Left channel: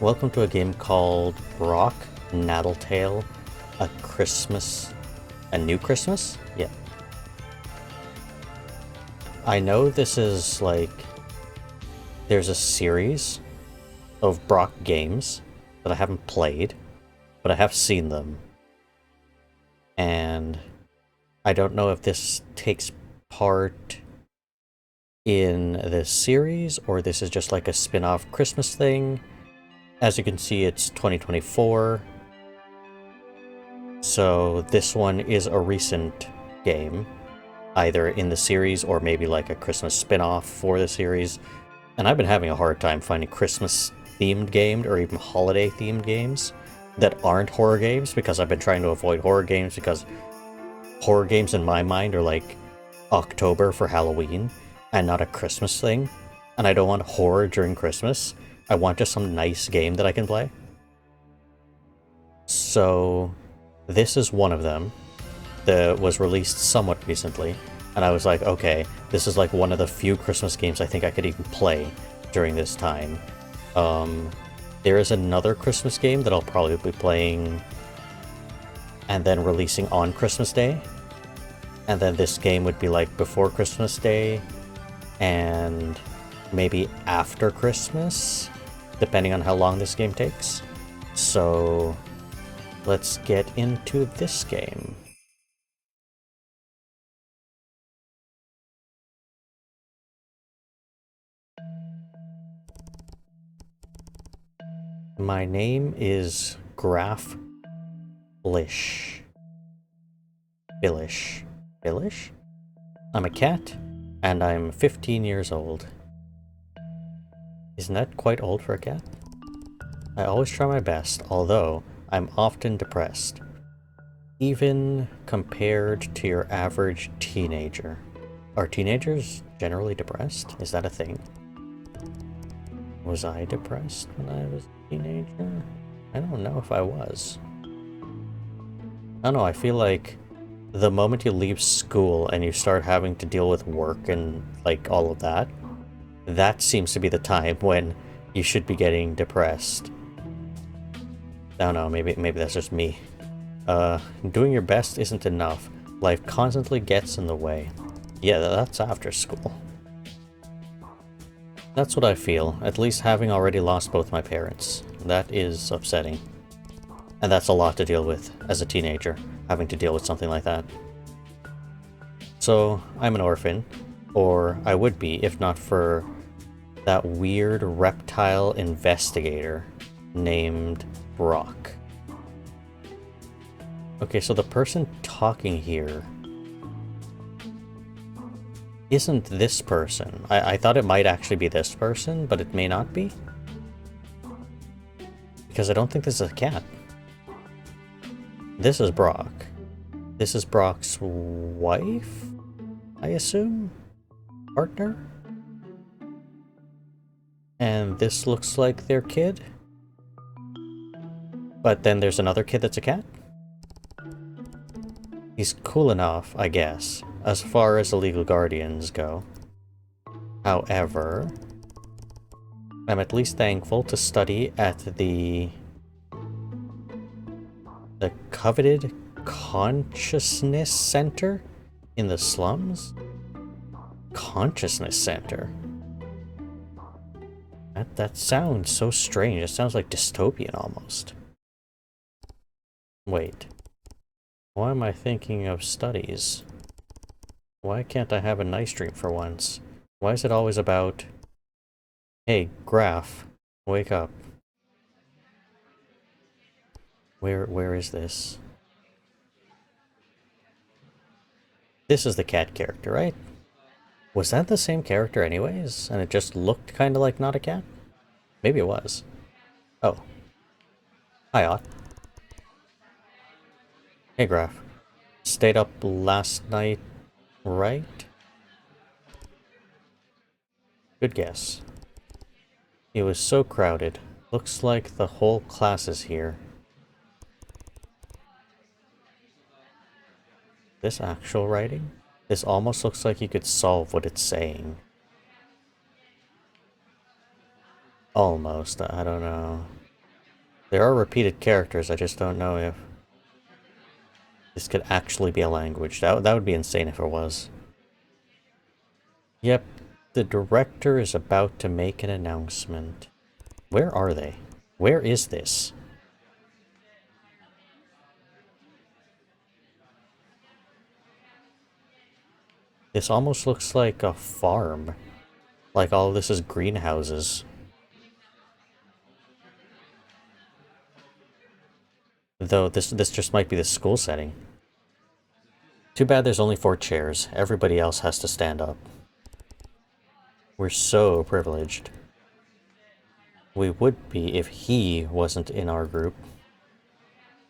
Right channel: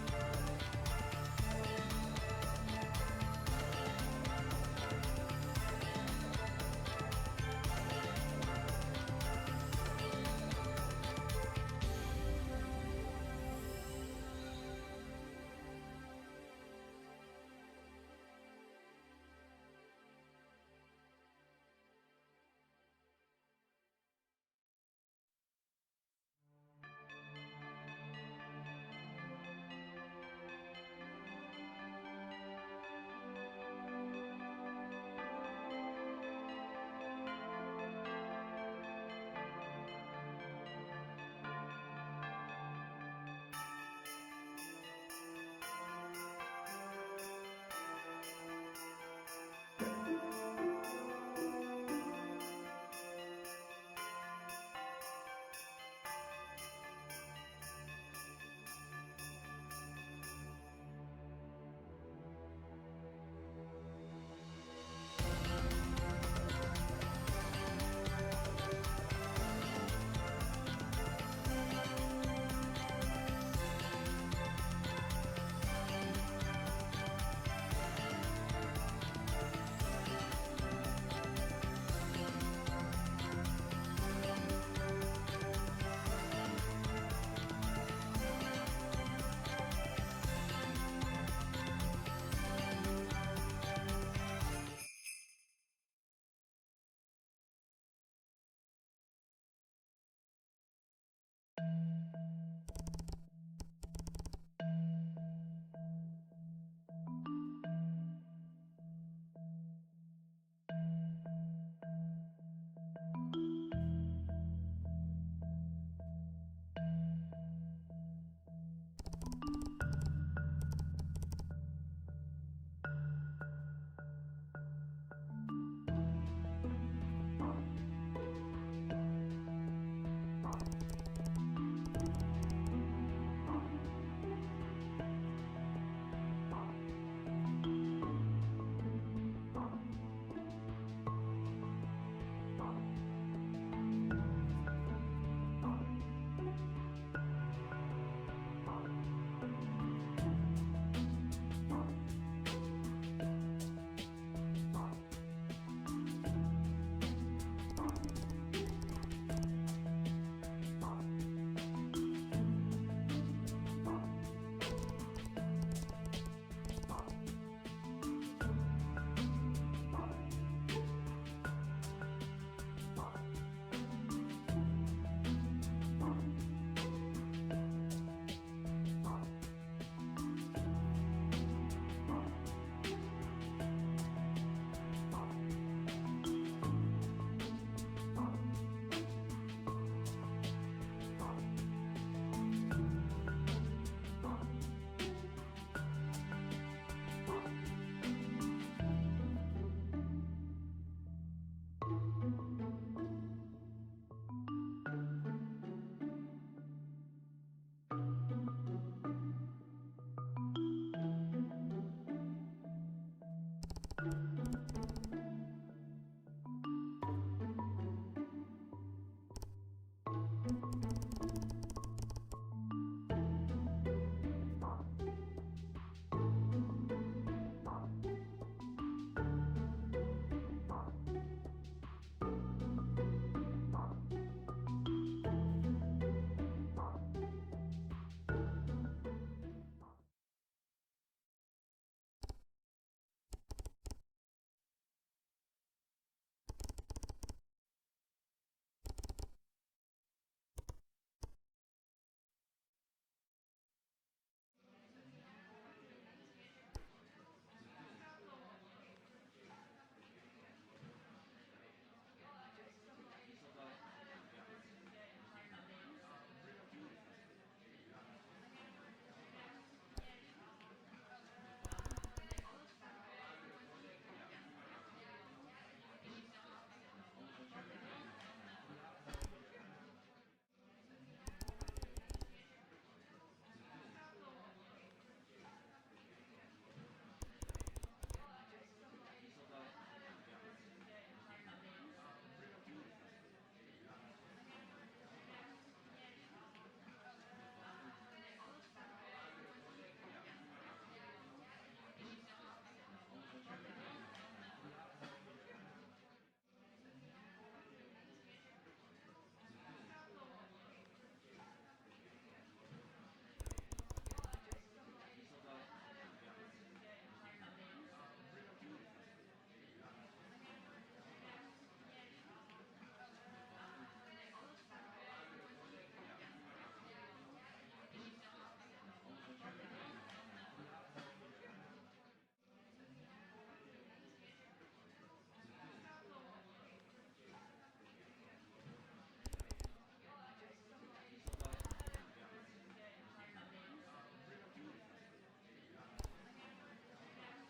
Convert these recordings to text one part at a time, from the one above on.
Welcome to a game called BROK, Natal, a Christmas, a new Christmas? Yeah. I know this is like, there's a series of BROK games that I haven't played, but I have seen them. And I don't know if this takes part in this series or this is just like a spin-off Christmas thing. As you can see, it's 2024. So this one is a recent game, either in the series or maybe like a Christmas spin-off for the series. And I've been having a hard time finding Christmas-themed games or even holiday-themed games that aren't horror games, because I've been trying to avoid horror games because horror games in my mind are like October for Halloween and not a Christmas thing. And I don't want horror during Christmas. I want just some nice game that I can play. So this is one of them that was released somewhat recently. And I was like, okay, this is like one of the few Christmas games I think I could even play during this time. There is another Christmas game that I'll probably be playing and then releasing on Christmas Day. And then this game would be like before Christmas Day and maybe after Christmas, depending on how long this game takes. So let's get into this game. My name is Graf Billish. Billish? I'm a cat, and I'm 15 years old. Isn't that quite old for a cat? I always try my best, although I'm often depressed. Even compared to your average teenager. Are teenagers generally depressed? Is that a thing? Was I depressed when I was a teenager? I don't know if I was. I don't know, I feel like the moment you leave school and you start having to deal with work and like all of that, that seems to be the time when you should be getting depressed. I don't know, maybe that's just me. Doing your best isn't enough. Life constantly gets in the way. Yeah, that's after school. That's what I feel, at least having already lost both my parents. That is upsetting. And that's a lot to deal with as a teenager, having to deal with something like that. So, I'm an orphan, or I would be if not for that weird reptile investigator named BROK. Okay, so the person talking here isn't this person. I thought it might actually be this person, but it may not be. Because I don't think this is a cat. This is BROK. This is BROK's wife, I assume? Partner? And this looks like their kid? But then there's another kid that's a cat? He's cool enough, I guess, as far as the legal guardians go. However, I'm at least thankful to study at the coveted Consciousness Center in the slums? Consciousness Center? That sounds so strange. It sounds like dystopian almost. Wait. Why am I thinking of studies? Why can't I have a nice dream for once? Why is it always about, hey, Graf, wake up. Where is this? This is the cat character, right? Was that the same character anyways? And it just looked kind of like not a cat? Maybe it was. Oh. Hi, Ott. Hey, Graf. Stayed up last night, right? Good guess. It was so crowded. Looks like the whole class is here. This actual writing? This almost looks like you could solve what it's saying. Almost, I don't know. There are repeated characters, I just don't know if this could actually be a language. That would be insane if it was. Yep, the director is about to make an announcement. Where are they? Where is this? This almost looks like a farm. Like all of this is greenhouses. Though this just might be the school setting. Too bad there's only 4 chairs. Everybody else has to stand up. We're so privileged. We would be if he wasn't in our group.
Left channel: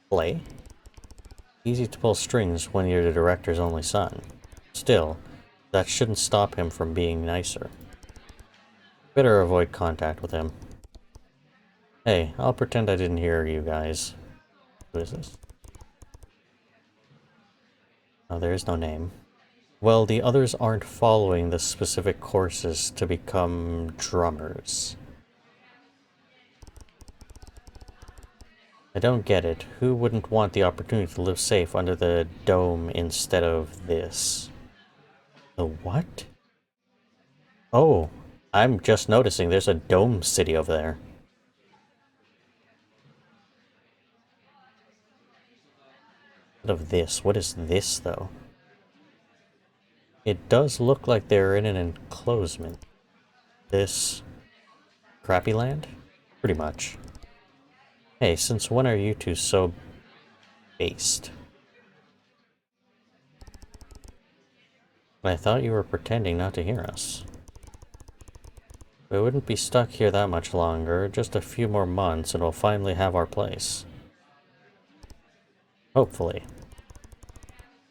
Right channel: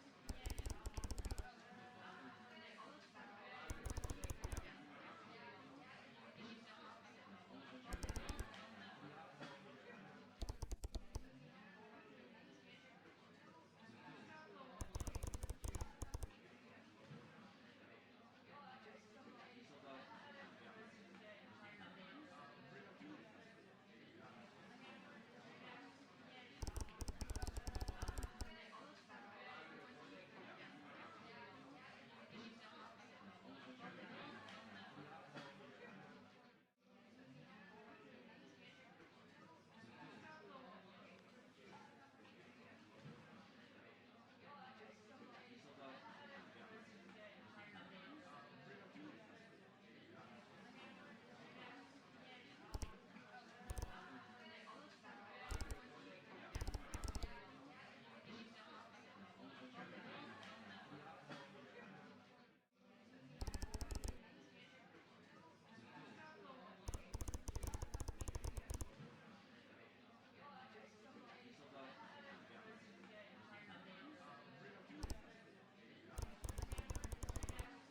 Play? Easy to pull strings when you're the director's only son. Still, that shouldn't stop him from being nicer. Better avoid contact with him. Hey, I'll pretend I didn't hear you guys. Who is this? Oh, there is no name. Well, the others aren't following the specific courses to become drummers. I don't get it. Who wouldn't want the opportunity to live safe under the dome instead of this? The what? Oh, I'm just noticing there's a dome city over there. Of this. What is this, though? It does look like they're in an enclosement. This crappy land? Pretty much. Hey, since when are you two so based? I thought you were pretending not to hear us. We wouldn't be stuck here that much longer. Just a few more months and we'll finally have our place. Hopefully.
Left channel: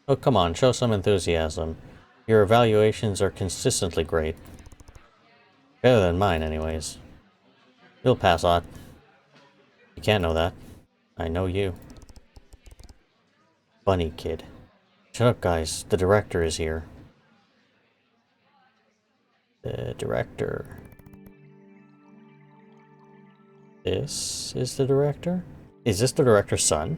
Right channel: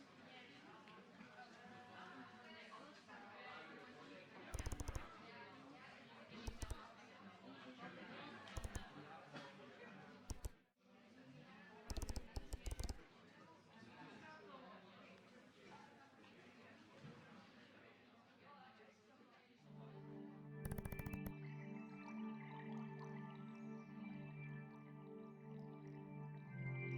Oh, come on, show some enthusiasm. Your evaluations are consistently great. Better than mine, anyways. You'll pass, Ott. You can't know that. I know you. Bunny kid. Shut up, guys. The director is here. The director. This is the director? Is this the director's son?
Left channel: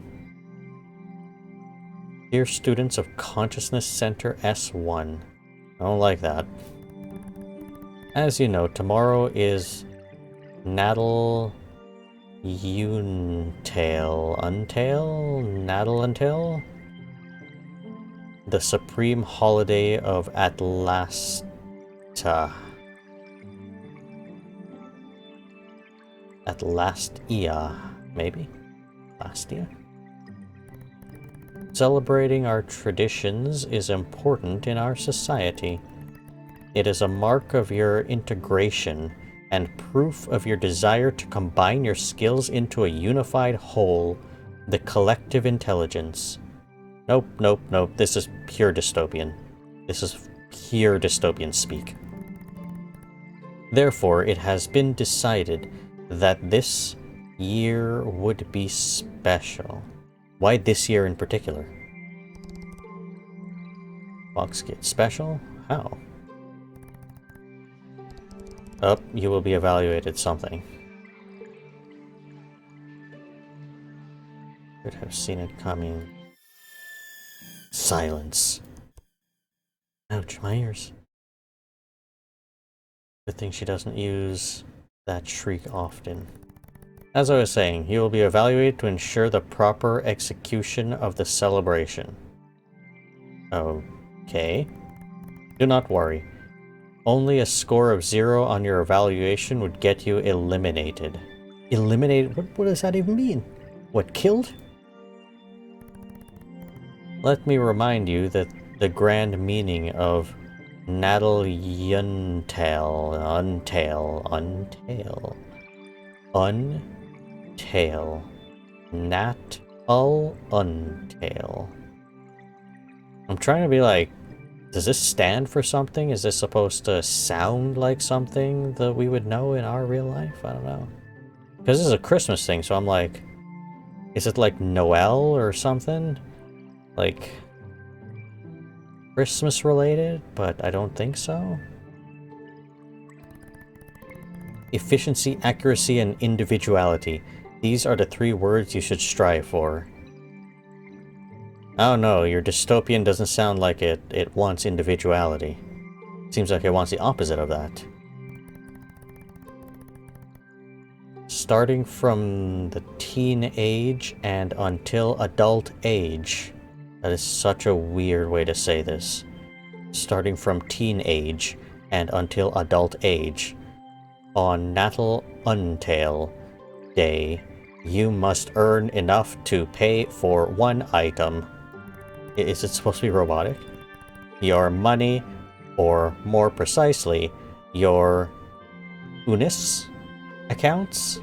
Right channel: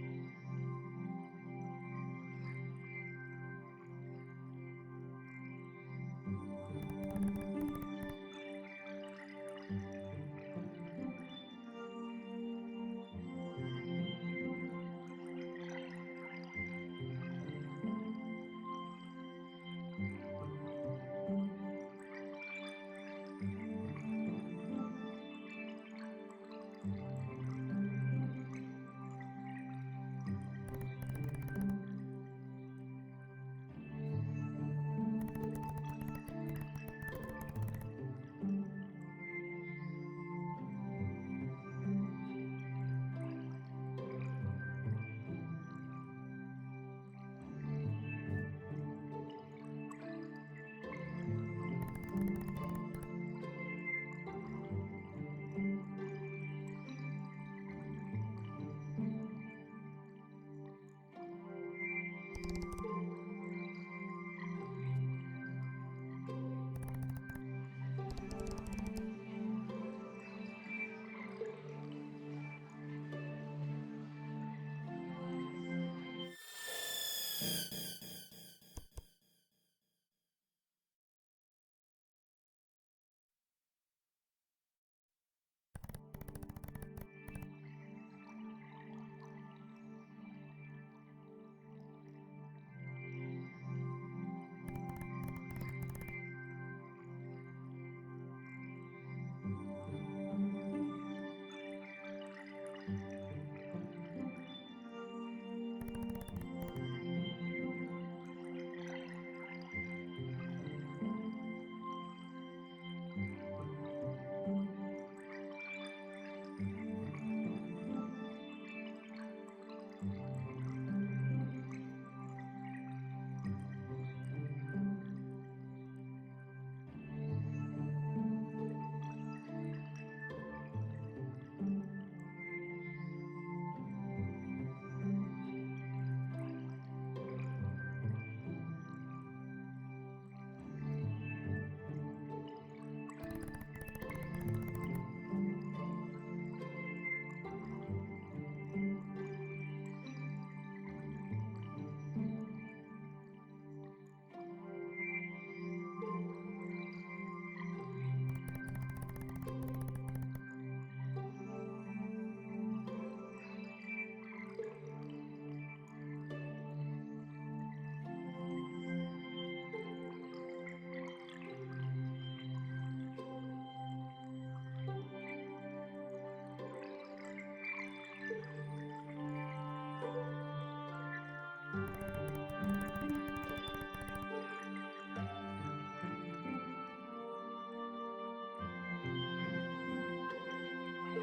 Dear students of Consciousness Center S1. I don't like that. As you know, tomorrow is Natal Natal? The supreme holiday of Atlastia. Atlastia, maybe? Atlastia? Celebrating our traditions is important in our society. It is a mark of your integration and proof of your desire to combine your skills into a unified whole, the collective intelligence. Nope, nope, nope. This is pure dystopian. This is pure dystopian speak. Therefore, it has been decided that this year would be special. Why this year in particular? Box kit special? How? Oh, you will be evaluated something. Could have seen it coming. Silence. Ouch, my ears. Good thing she doesn't use that shriek often. As I was saying, you will be evaluated to ensure the proper execution of the celebration. Okay. Do not worry. Only a score of 0 on your evaluation would get you eliminated. Eliminated? What does that even mean? What, killed? Let me remind you that the grand meaning of Natal Untail. Natal Untail. I'm trying to be like, does this stand for something? Is this supposed to sound like something that we would know in our real life? I don't know. Because this is a Christmas thing, so I'm like, is it like Noel or something? Like, Christmas related? But I don't think so. Efficiency, accuracy, and individuality. These are the 3 words you should strive for. Oh no, your dystopian doesn't sound like it wants individuality. Seems like it wants the opposite of that. Starting from the teen age and until adult age. That is such a weird way to say this. Starting from teen age and until adult age. On Natal Day, you must earn enough to pay for 1 item. Is it supposed to be robotic? Your money, or more precisely, your Unis accounts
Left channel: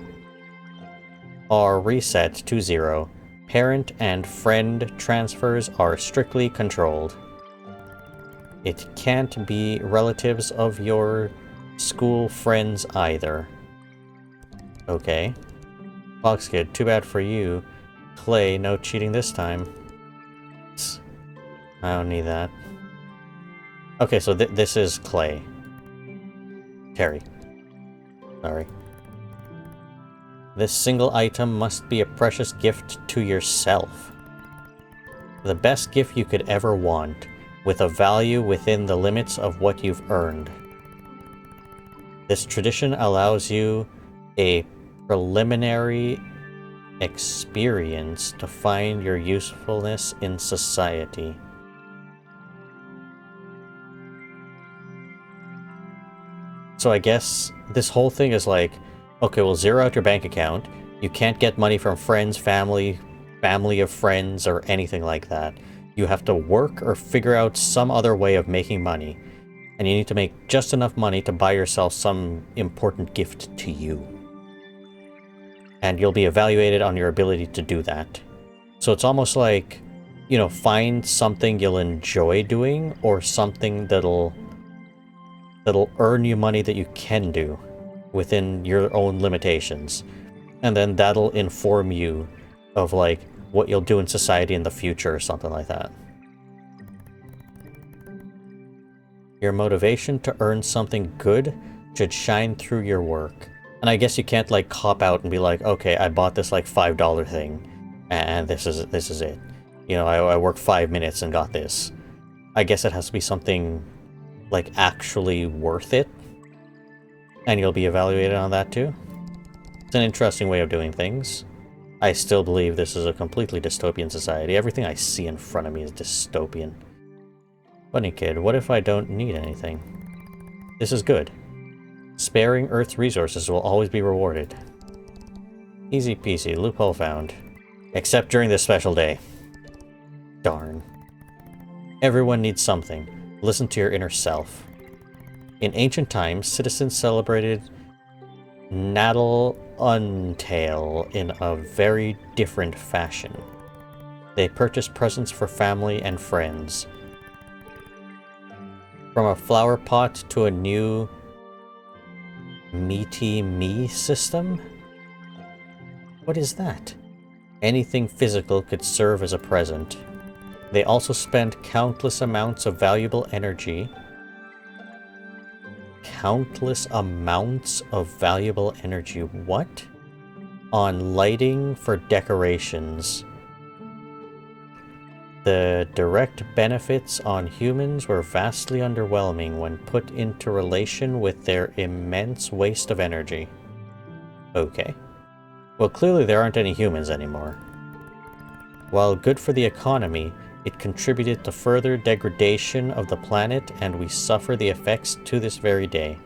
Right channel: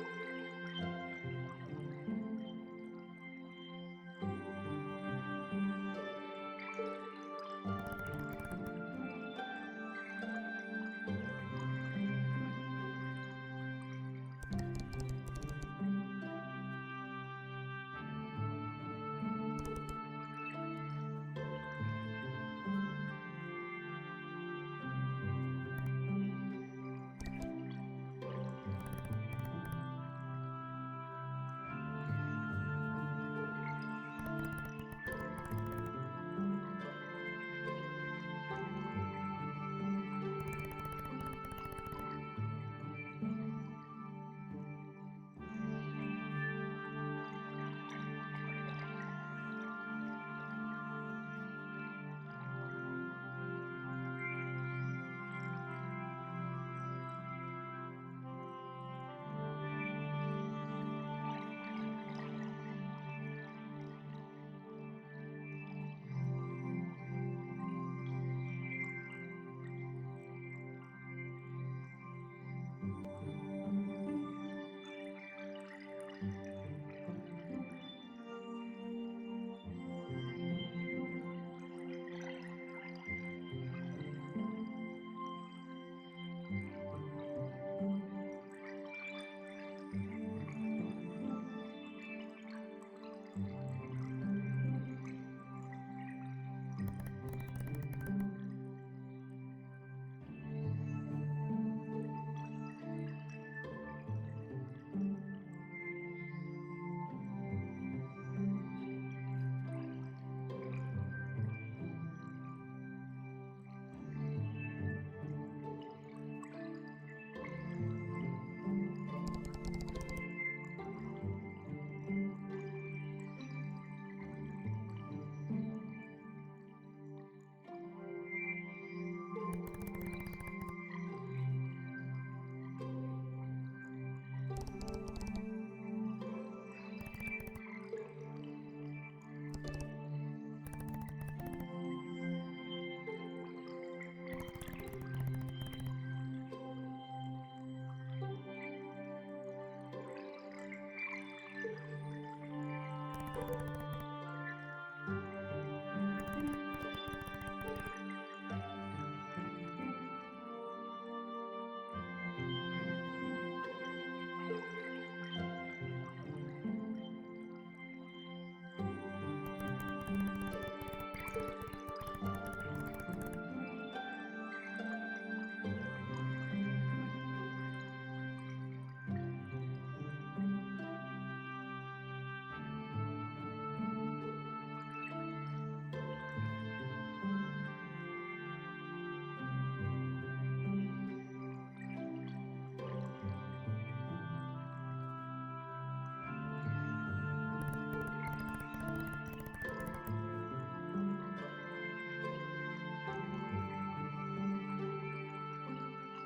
are reset to 0. Parent and friend transfers are strictly controlled. It can't be relatives of your school friends either. Okay. Fox Kid, too bad for you. Clay, no cheating this time. I don't need that. Okay, so this is Clay. Terry. Sorry. This single item must be a precious gift to yourself. The best gift you could ever want, with a value within the limits of what you've earned. This tradition allows you a preliminary experience to find your usefulness in society. So I guess this whole thing is like, okay, we'll zero out your bank account. You can't get money from friends, family of friends, or anything like that. You have to work or figure out some other way of making money. And you need to make just enough money to buy yourself some important gift to you. And you'll be evaluated on your ability to do that. So it's almost like, you know, find something you'll enjoy doing, or something that'll earn you money that you can do within your own limitations. And then that'll inform you of, like, what you'll do in society in the future or something like that. Your motivation to earn something good should shine through your work. And I guess you can't, like, cop out and be like, okay, I bought this, like, $5 thing, and this is it. You know, I worked 5 minutes and got this. I guess it has to be something, like, actually worth it. And you'll be evaluated on that too. It's an interesting way of doing things. I still believe this is a completely dystopian society. Everything I see in front of me is dystopian. Bunny Kid, what if I don't need anything? This is good. Sparing Earth's resources will always be rewarded. Easy peasy, loophole found. Except during this special day. Darn. Everyone needs something. Listen to your inner self. In ancient times, citizens celebrated Natal in a very different fashion. They purchased presents for family and friends. From a flower pot to a new meaty me system? What is that? Anything physical could serve as a present. They also spent countless amounts of valuable energy. Countless amounts of valuable energy. What? On lighting for decorations. The direct benefits on humans were vastly underwhelming when put into relation with their immense waste of energy. Okay. Well, clearly there aren't any humans anymore. While good for the economy, it contributed to further degradation of the planet, and we suffer the effects to this very day.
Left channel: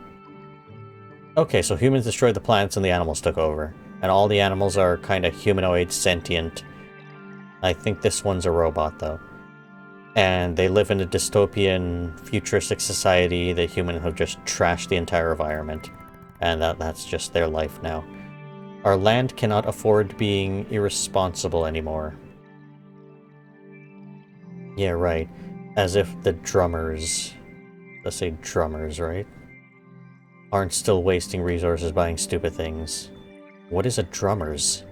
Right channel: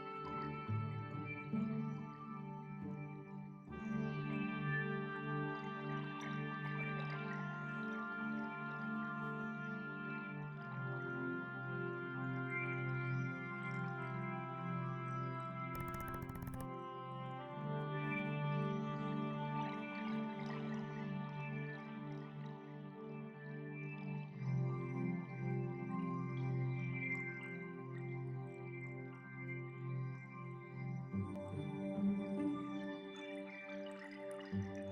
Okay, so humans destroyed the planets and the animals took over. And all the animals are kind of humanoid, sentient. I think this one's a robot, though. And they live in a dystopian, futuristic society. The humans have just trashed the entire environment. And that's just their life now. Our land cannot afford being irresponsible anymore. Yeah, right. As if the drummers... Let's say drummers, right? Aren't still wasting resources buying stupid things. What is a drummers?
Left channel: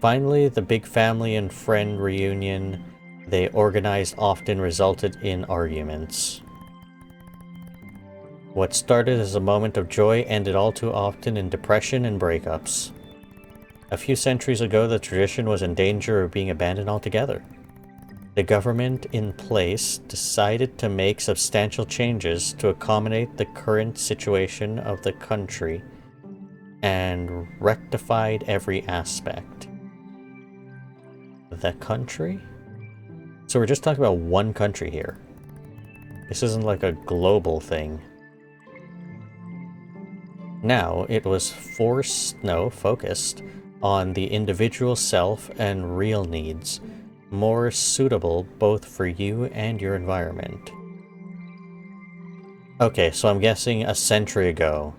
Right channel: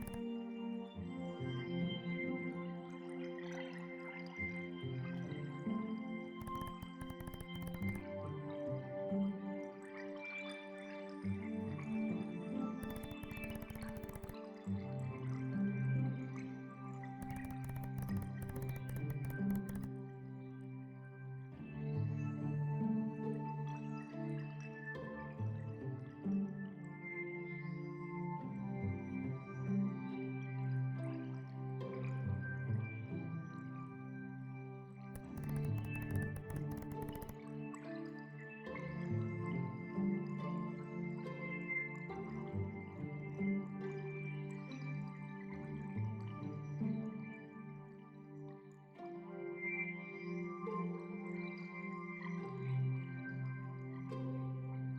Finally, the big family and friend reunion they organized often resulted in arguments. What started as a moment of joy ended all too often in depression and breakups. A few centuries ago, the tradition was in danger of being abandoned altogether. The government in place decided to make substantial changes to accommodate the current situation of the country and rectified every aspect. The country? So we're just talking about one country here. This isn't like a global thing. Now, it was focused on the individual self and real needs, more suitable both for you and your environment. Okay, so I'm guessing a century ago,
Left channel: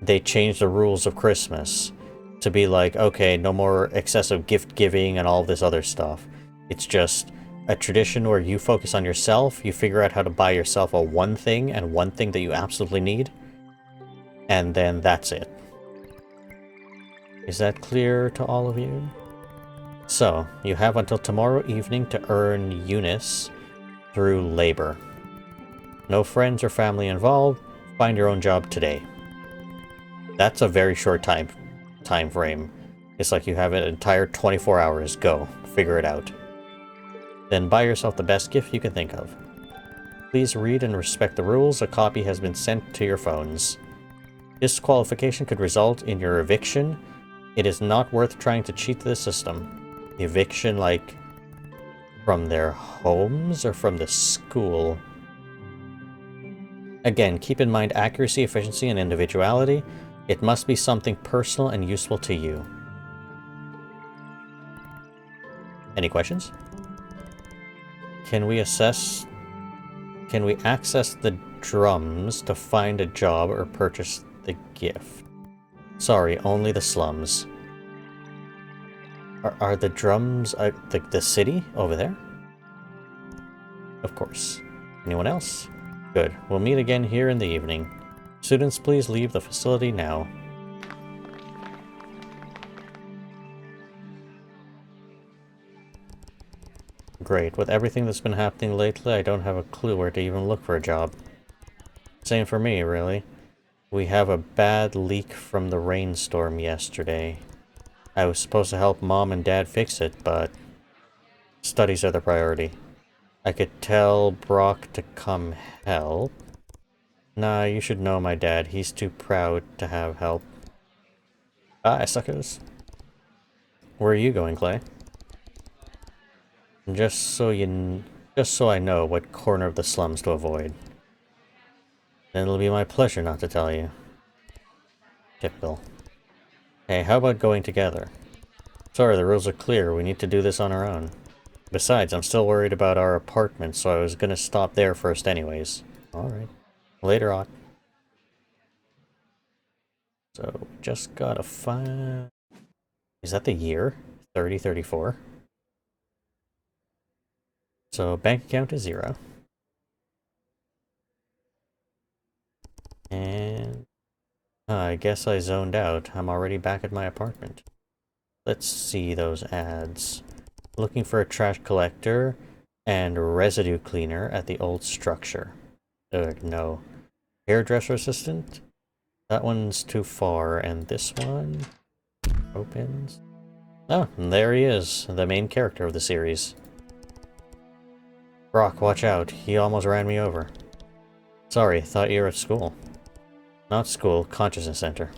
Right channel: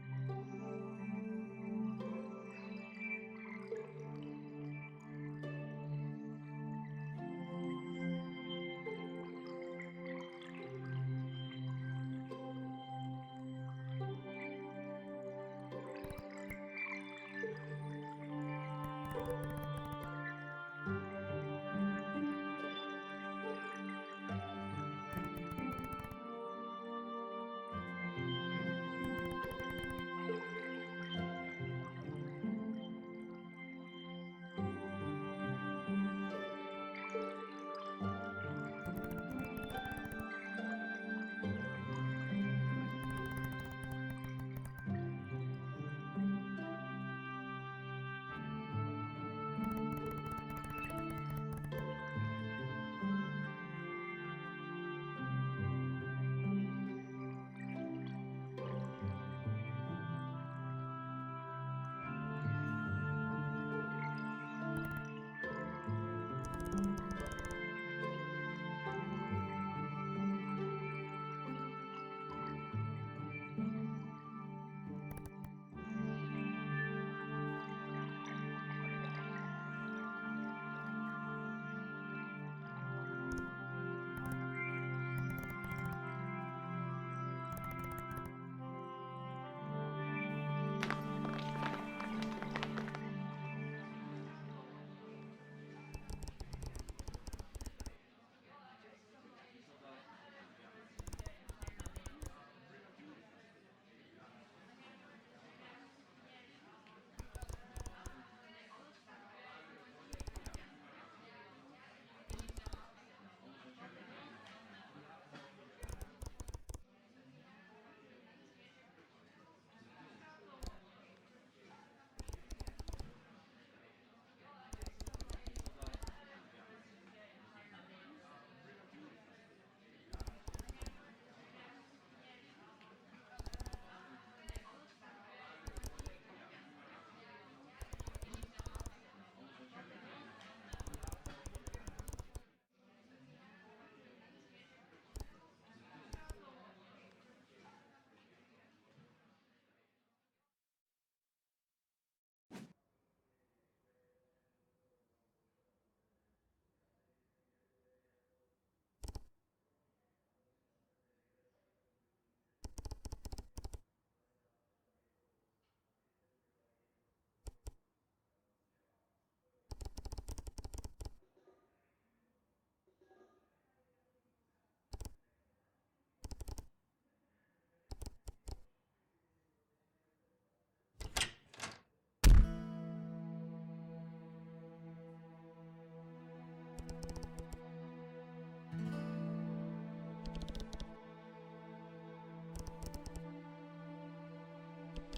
they changed the rules of Christmas to be like, okay, no more excessive gift giving and all this other stuff. It's just a tradition where you focus on yourself, you figure out how to buy yourself a one thing and one thing that you absolutely need, and then that's it. Is that clear to all of you? So, you have until tomorrow evening to earn Eunice through labor. No friends or family involved, find your own job today. That's a very short time frame. It's like you have an entire 24 hours. Go. Figure it out. Then buy yourself the best gift you can think of. Please read and respect the rules. A copy has been sent to your phones. Disqualification could result in your eviction. It is not worth trying to cheat the system. Eviction, like, from their homes or from the school? Again, keep in mind accuracy, efficiency, and individuality. It must be something personal and useful to you. Any questions? Can we access the drums to find a job or purchase the gift? Sorry, only the slums. Are the drums the city over there? Of course. Anyone else? Good. We'll meet again here in the evening. Students, please leave the facility now. Great. With everything that's been happening lately, I don't have a clue where to even look for a job. Same for me, really. We have a bad leak from the rainstorm yesterday. I was supposed to help Mom and Dad fix it, but studies are the priority. I could tell BROK to come help. Nah, you should know my dad. He's too proud to have help. Bye, suckers. Where are you going, Clay? Just so I know what corner of the slums to avoid. Then it'll be my pleasure not to tell you. Typical. Hey, how about going together? Sorry, the rules are clear. We need to do this on our own. Besides, I'm still worried about our apartment, so I was gonna stop there first anyways. Alright. Later on. So, just gotta find... Is that the year? 3034? So, bank account is 0. And... I guess I zoned out. I'm already back at my apartment. Let's see those ads. Looking for a trash collector and residue cleaner at the old structure. Ugh, no. Hairdresser assistant? That one's too far, and this one opens. Oh, and there he is, the main character of the series. BROK, watch out. He almost ran me over. Sorry, thought you were at school. Not school, consciousness center.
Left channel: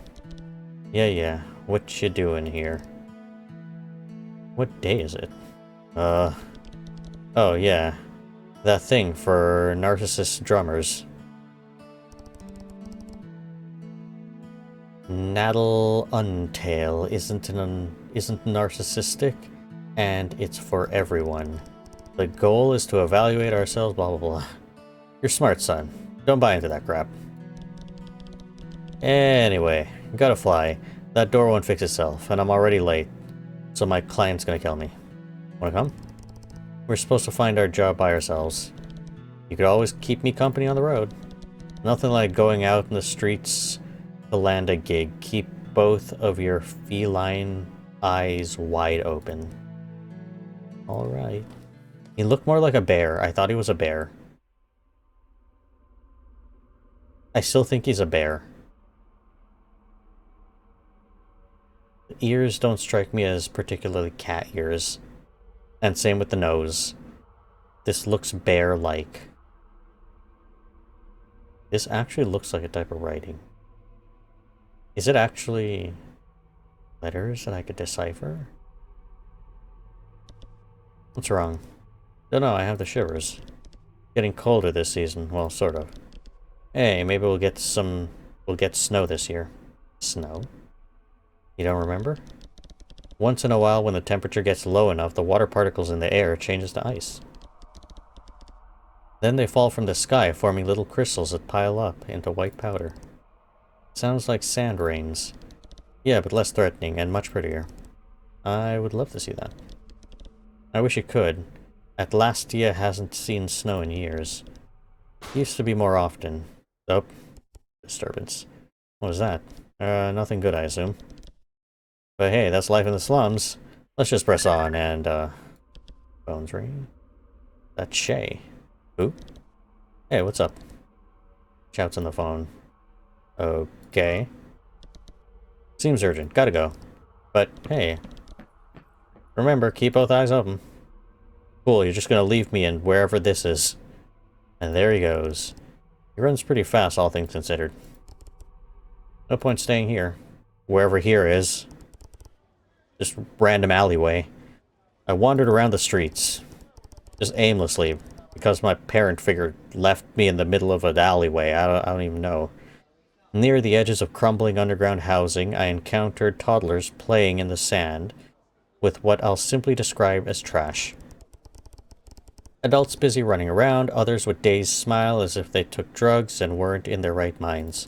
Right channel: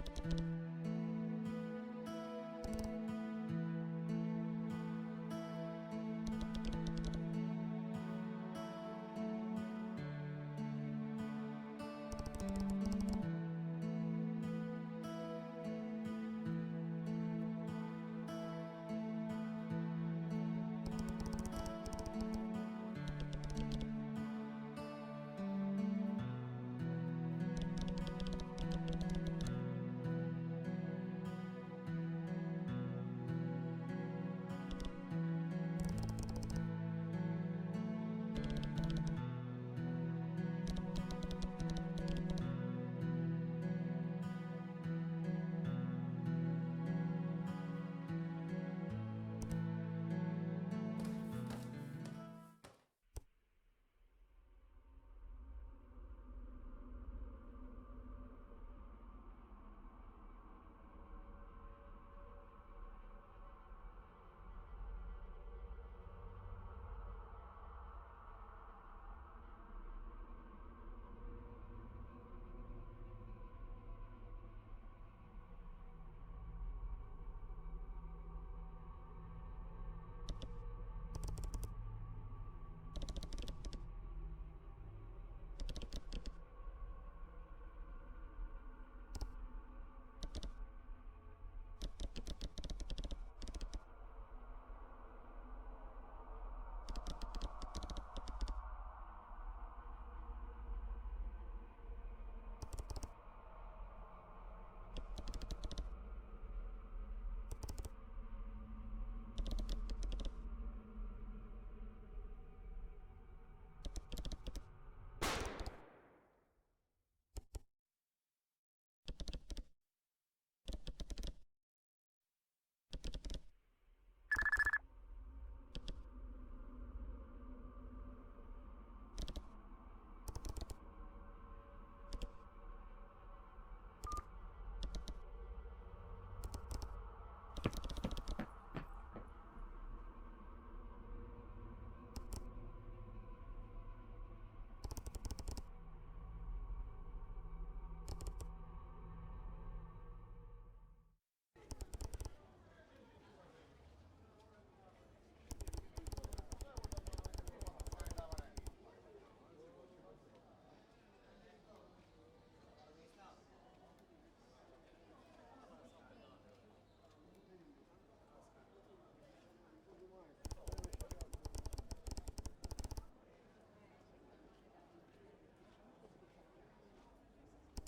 Yeah, what you doing here? What day is it? Oh yeah. That thing for narcissist drummers. Natal Untail isn't narcissistic, and it's for everyone. The goal is to evaluate ourselves, blah blah blah. You're smart, son. Don't buy into that crap. Anyway, gotta fly. That door won't fix itself, and I'm already late, so my client's gonna kill me. Wanna come? We're supposed to find our job by ourselves. You could always keep me company on the road. Nothing like going out in the streets to land a gig. Keep both of your feline eyes wide open. Alright. He looked more like a bear. I thought he was a bear. I still think he's a bear. ears don't strike me as particularly cat ears. And same with the nose. This looks bear-like. This actually looks like a type of writing. Is it actually letters that I could decipher? What's wrong? Don't know, I have the shivers. Getting colder this season. Well, sort of. Hey, maybe we'll get snow this year. Snow? You don't remember? Once in a while, when the temperature gets low enough, the water particles in the air changes to ice. Then they fall from the sky, forming little crystals that pile up into white powder. Sounds like sand rains. Yeah, but less threatening and much prettier. I would love to see that. I wish you could. Atlastia hasn't seen snow in years. Used to be more often. Oh, disturbance. What was that? Nothing good, I assume. But hey, that's life in the slums. Let's just press on and, phone's ringing. That's Shay. Who? Hey, what's up? Shouts on the phone. Okay. Seems urgent. Gotta go. But, hey. Remember, keep both eyes open. Cool, you're just gonna leave me in wherever this is. And there he goes. He runs pretty fast, all things considered. No point staying here. Wherever here is. Just random alleyway. I wandered around the streets. Just aimlessly. Because my parent figure left me in the middle of an alleyway. I don't even know. Near the edges of crumbling underground housing, I encountered toddlers playing in the sand with what I'll simply describe as trash. Adults busy running around, others with dazed smile as if they took drugs and weren't in their right minds.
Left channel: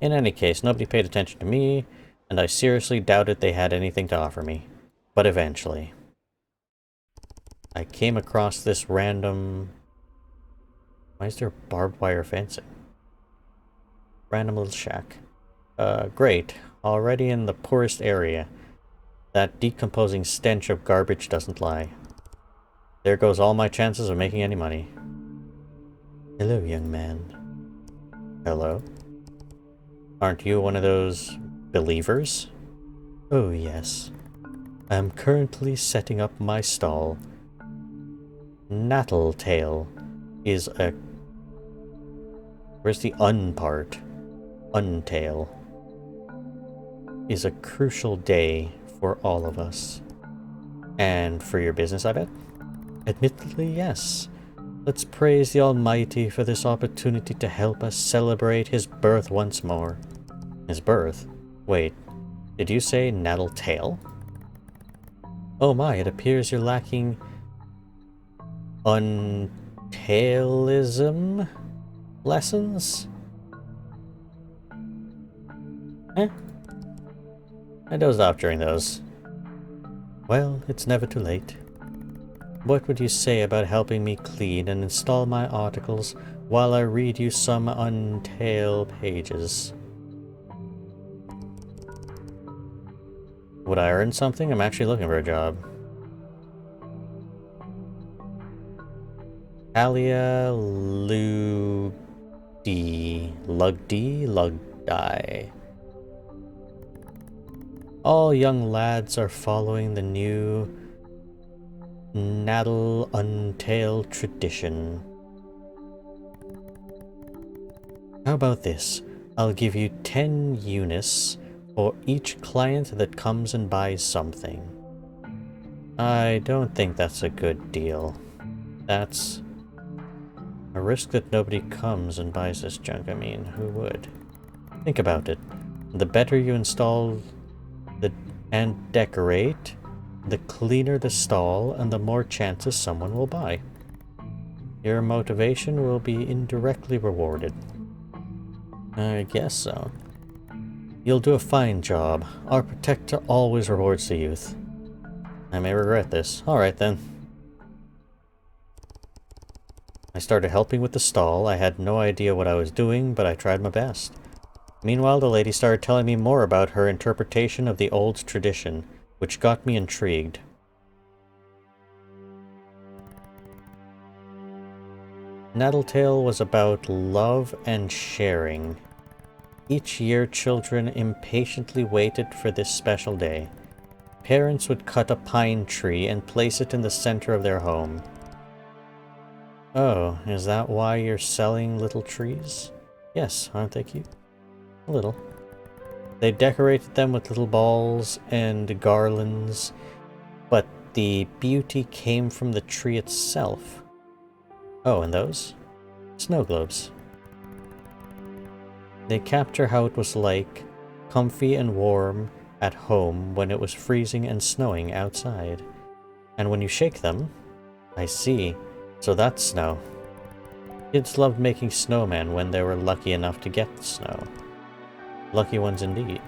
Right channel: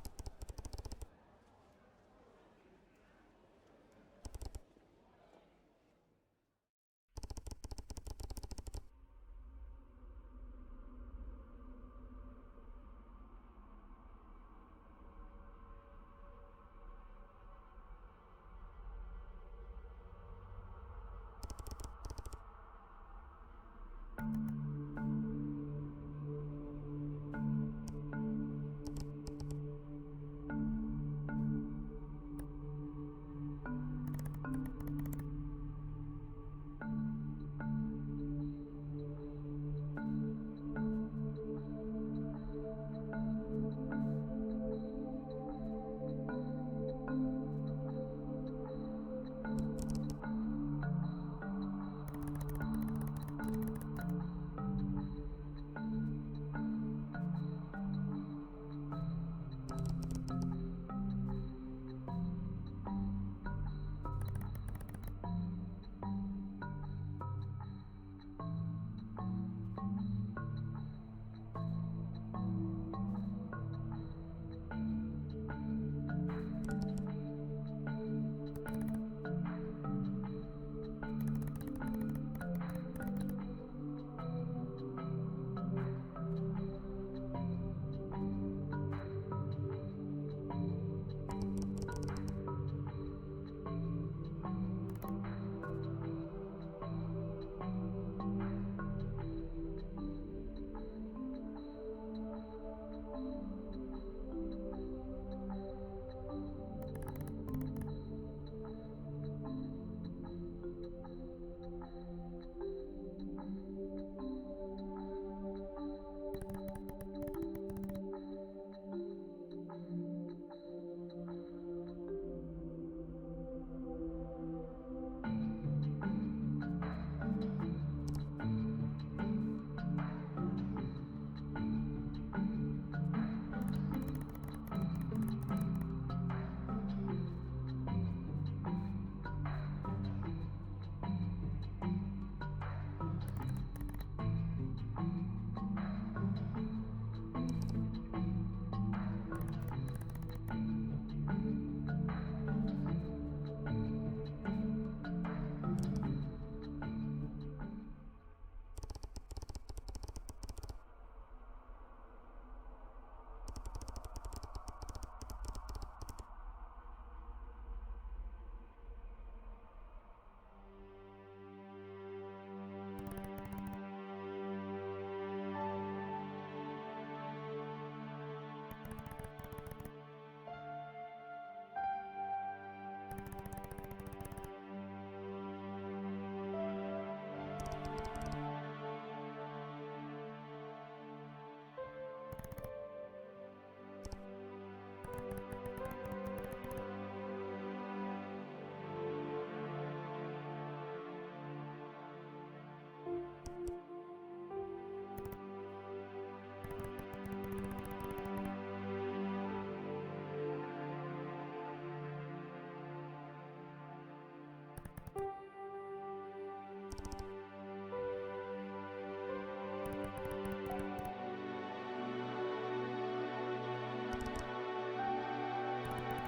In any case, nobody paid attention to me, and I seriously doubted they had anything to offer me. But eventually, I came across this random... Why is there barbed wire fencing? Random little shack. Great. Already in the poorest area. That decomposing stench of garbage doesn't lie. There goes all my chances of making any money. Hello, young man. Hello? Aren't you one of those believers? Oh, yes. I am currently setting up my stall. Natal is a... Where's the un part? Untail. Is a crucial day for all of us. And for your business, I bet? Admittedly, yes. Let's praise the Almighty for this opportunity to help us celebrate his birth once more. His birth? Wait, did you say Natal Tale? Oh my, it appears you're lacking untailism lessons? Eh? I dozed off during those. Well, it's never too late. What would you say about helping me clean and install my articles while I read you some untail pages? Would I earn something? I'm actually looking for a job. Alia Lugdi. All young lads are following the new Natal Untail tradition. How about this? I'll give you 10 unis for each client that comes and buys something. I don't think that's a good deal. That's a risk that nobody comes and buys this junk. I mean, who would? Think about it. The better you install and decorate, the cleaner the stall and the more chances someone will buy. Your motivation will be indirectly rewarded. I guess so. You'll do a fine job. Our protector always rewards the youth. I may regret this. Alright then. I started helping with the stall. I had no idea what I was doing, but I tried my best. Meanwhile, the lady started telling me more about her interpretation of the old tradition, which got me intrigued. Nataltale was about love and sharing. Each year, children impatiently waited for this special day. Parents would cut a pine tree and place it in the center of their home. Oh, is that why you're selling little trees? Yes, aren't they cute? A little. They decorated them with little balls and garlands, but the beauty came from the tree itself. Oh, and those? Snow globes. They capture how it was like, comfy and warm at home when it was freezing and snowing outside. And when you shake them, I see, so that's snow. Kids loved making snowmen when they were lucky enough to get the snow. Lucky ones indeed.